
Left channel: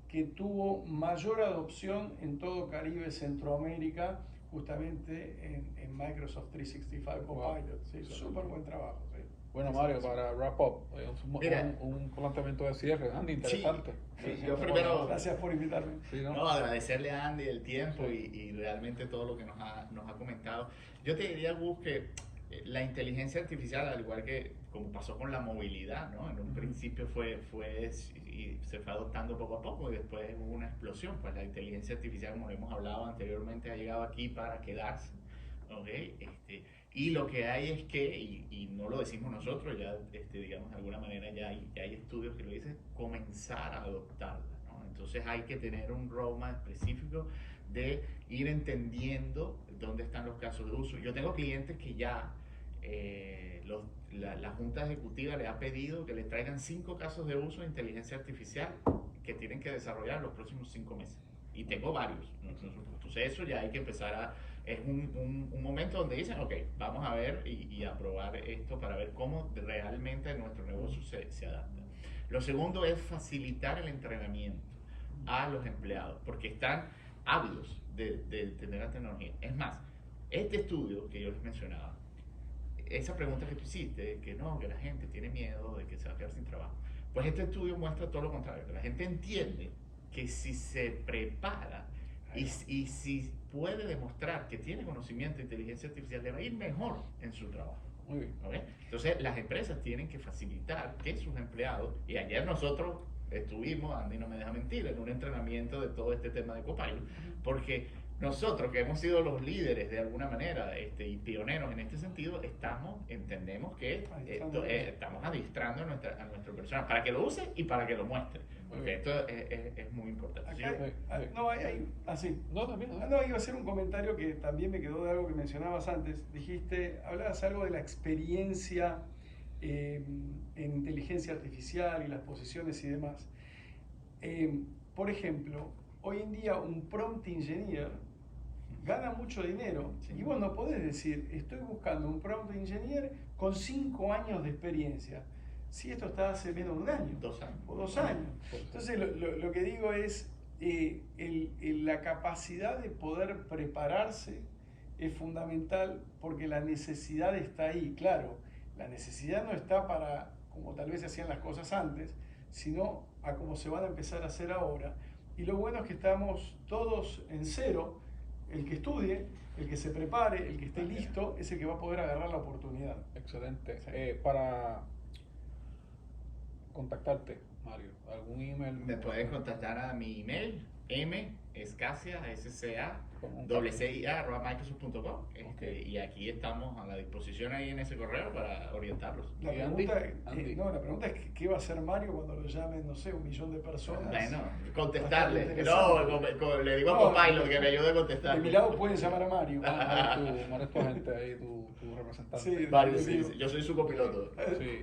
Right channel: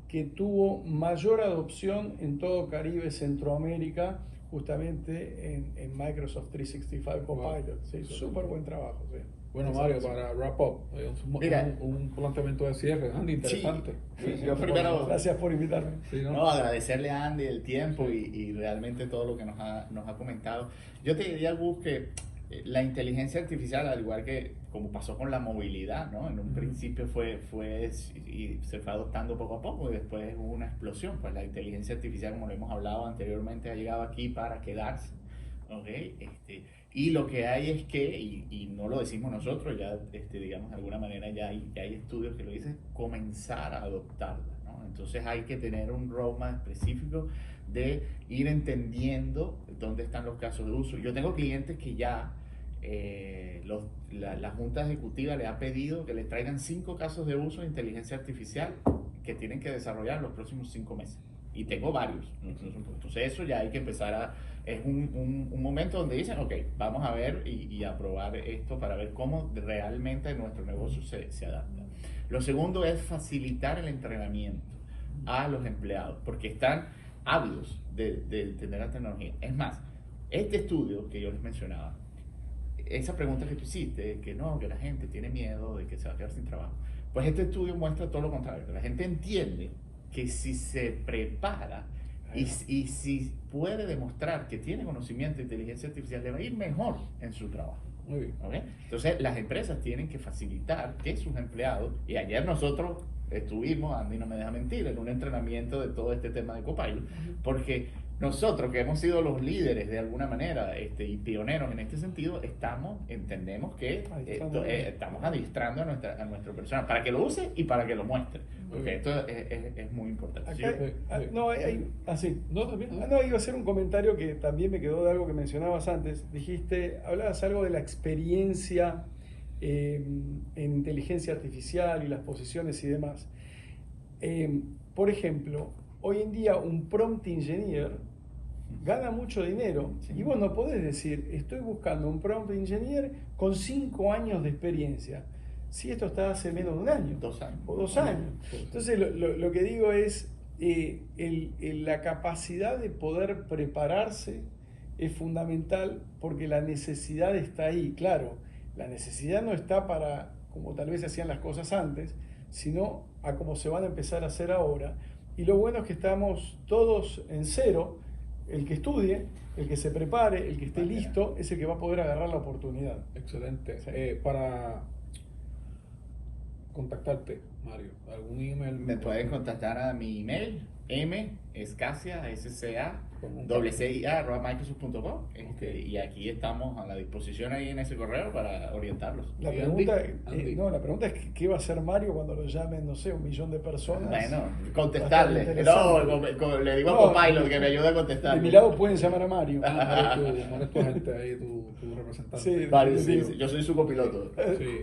que tuvo mayor adopción en todo Caribe, Centroamérica, justamente en Microsoft 365 Copilot. Se hizo súper buen trabajo. Sí. Bueno, Mario, para wrap up, un planteamiento de cierre, Andy, interesante. Sí, yo primero, gracias por invitarme. Sí, no, agradecerle a Andy el tiempo y realmente todo lo que nos ha comentado. Yo te diría, Gus, que la inteligencia artificial, al igual que como pasó con la movilidad, ¿no? En un principio y se fue adoptando poco a poco, y después hubo una explosión. Pues la inteligencia artificial, como lo hemos hablado anteriormente, ha llegado aquí para quedarse, ¿okay? Y lo que hay es que, y no lo decimos nosotros, ya digamos de alguna manera ya hay estudios que lo dicen, comenzar a adoptarla, ¿no? Entonces hay que tener un roadmap específico de ir entendiendo dónde están los casos de uso. Yo tengo clientes que ya la Junta Ejecutiva les ha pedido que les traigan 5 casos de uso de inteligencia artificial que tienen que desarrollar en los próximos 5 meses. Y tengo varios. Entonces eso ya hay que empezar es un momento donde dicen, ok, vamos a ver y a probar esto para ver cómo realmente nuestro negocio se adapta. Lo segundo es facilitar el entrenamiento a los empleados, porque están ávidos de tener la tecnología. Es más, este estudio que yo les mencionaba, esa pregunta que tú hiciste, que no, que la gente tiene miedo de que se va a quedar sin trabajo, pues este estudio muestra todo lo contrario. La gente entiende que si se prepara y si puede demostrar que tiene conocimiento de inteligencia artificial, le va a ir mejor en su trabajo. Muy bien. ¿Okay? Entonces las empresas tienen que facilitar que sus empleados, y ayer nosotros estuvimos, Andy no me deja mentir, en un entrenamiento de todo este tema de Copilot, porque nosotros que hemos sido los líderes de alguna manera y pioneros en este sentido, entendemos que estamos adiestrando a nuestra persona para que lo use y para que lo muestre, porque esto es muy importante. Acá, iba a hacer un comentario que también me quedó de algo que mencionabas antes. Hablabas algo de la experiencia en inteligencia artificial y las posiciones y demás. Por ejemplo, hoy en día un prompt engineer gana mucho dinero, sí. Y vos no podés decir, estoy buscando un prompt engineer con 5 años de experiencia, si esto está hace menos de un año, 2 años. O 2 años. Entonces lo que digo es la capacidad de poder prepararse es fundamental porque la necesidad está ahí. Claro, la necesidad no está para como tal vez se hacían las cosas antes, sino a cómo se van a empezar a hacer ahora. Y lo bueno es que estamos todos en cero. El que estudie, el que se prepare, el que esté listo, es el que va a poder agarrar la oportunidad. Excelente. Sí. Para contactarte, Mario, ¿algún email? Me pueden contactar a mi email, mscacia, @microsoft.com, y aquí estamos a la disposición ahí en ese correo para orientarlos. La ¿Y pregunta, Andy? la pregunta es ¿qué va a hacer Mario cuando lo llamen, no sé, 1 millón de personas? Bueno, Va a contestarle. estar interesante. Le digo No, a Copilot que me ayude a contestar. De mi lado pueden llamar a Mario. Mario tu gente ahí, tu representante. Sí. Vale, sí, yo soy su copiloto. Sí.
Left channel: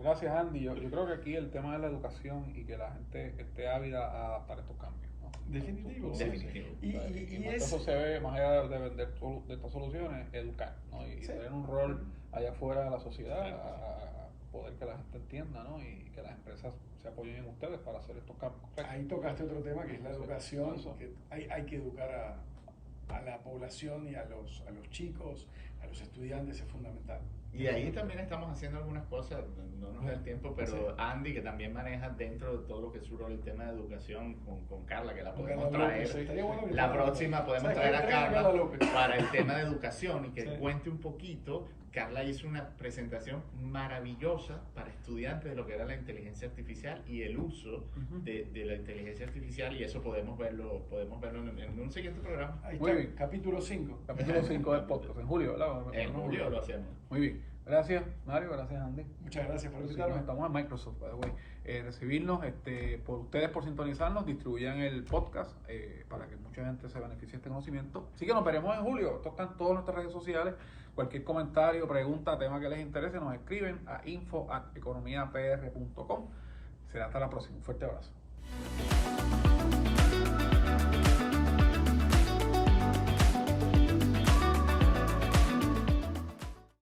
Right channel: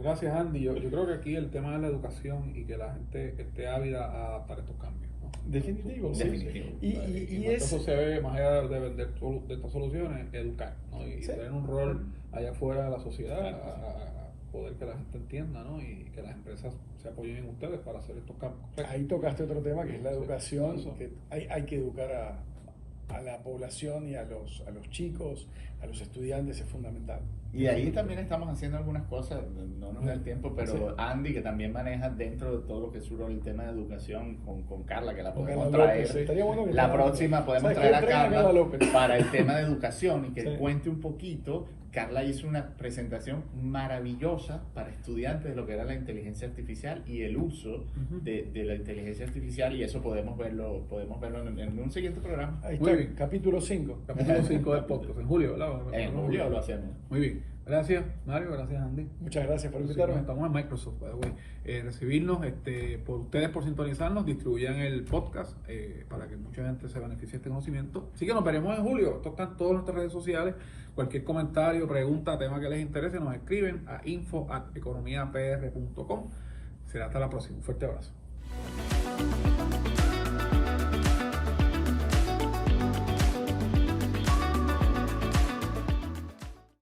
Gracias, Andy. Yo creo que aquí el tema de la educación y que la gente esté ávida a adaptar estos cambios, ¿no? Definitivo, sí. Definitivo. Y eso se ve más allá de vender de estas soluciones, educar, ¿no? Y Sí. tener un rol allá afuera de la sociedad, a poder que la gente entienda, ¿no? Y que las empresas se apoyen en ustedes para hacer estos cambios. ahí tocaste otro tema que es la Sí, educación, eso. que hay que educar a la población y a los chicos, a los estudiantes, es fundamental. Y ahí también estamos haciendo algunas cosas, no nos da el tiempo, pero Sí. Andy, que también maneja dentro de todo lo que es el tema de educación con Carla, que la Con podemos Carla traer. López, estaría bueno que La traigan- próxima podemos ¿Sabes traer qué? a Traigan Carla López. para el tema de educación y que Sí. cuente un poquito. Carla hizo una presentación maravillosa para estudiantes de lo que era la inteligencia artificial y el uso Ujú. de la inteligencia artificial, y eso podemos verlo en un siguiente programa. Ahí Muy está, bien. capítulo 5. Capítulo 5 del podcast, en julio, ¿verdad? En julio lo hacemos. Muy bien. Gracias, Mario. Gracias, Andy. Muchas gracias por Sí, invitarme. estamos en Microsoft, by the way. Recibirnos, por ustedes por sintonizarnos, distribuyan el podcast para que mucha gente se beneficie de este conocimiento. Así que nos veremos en julio. Esto está en todas nuestras redes sociales. Cualquier comentario, pregunta, tema que les interese, nos escriben a info@economiapr.com. Será hasta la próxima. Un fuerte abrazo.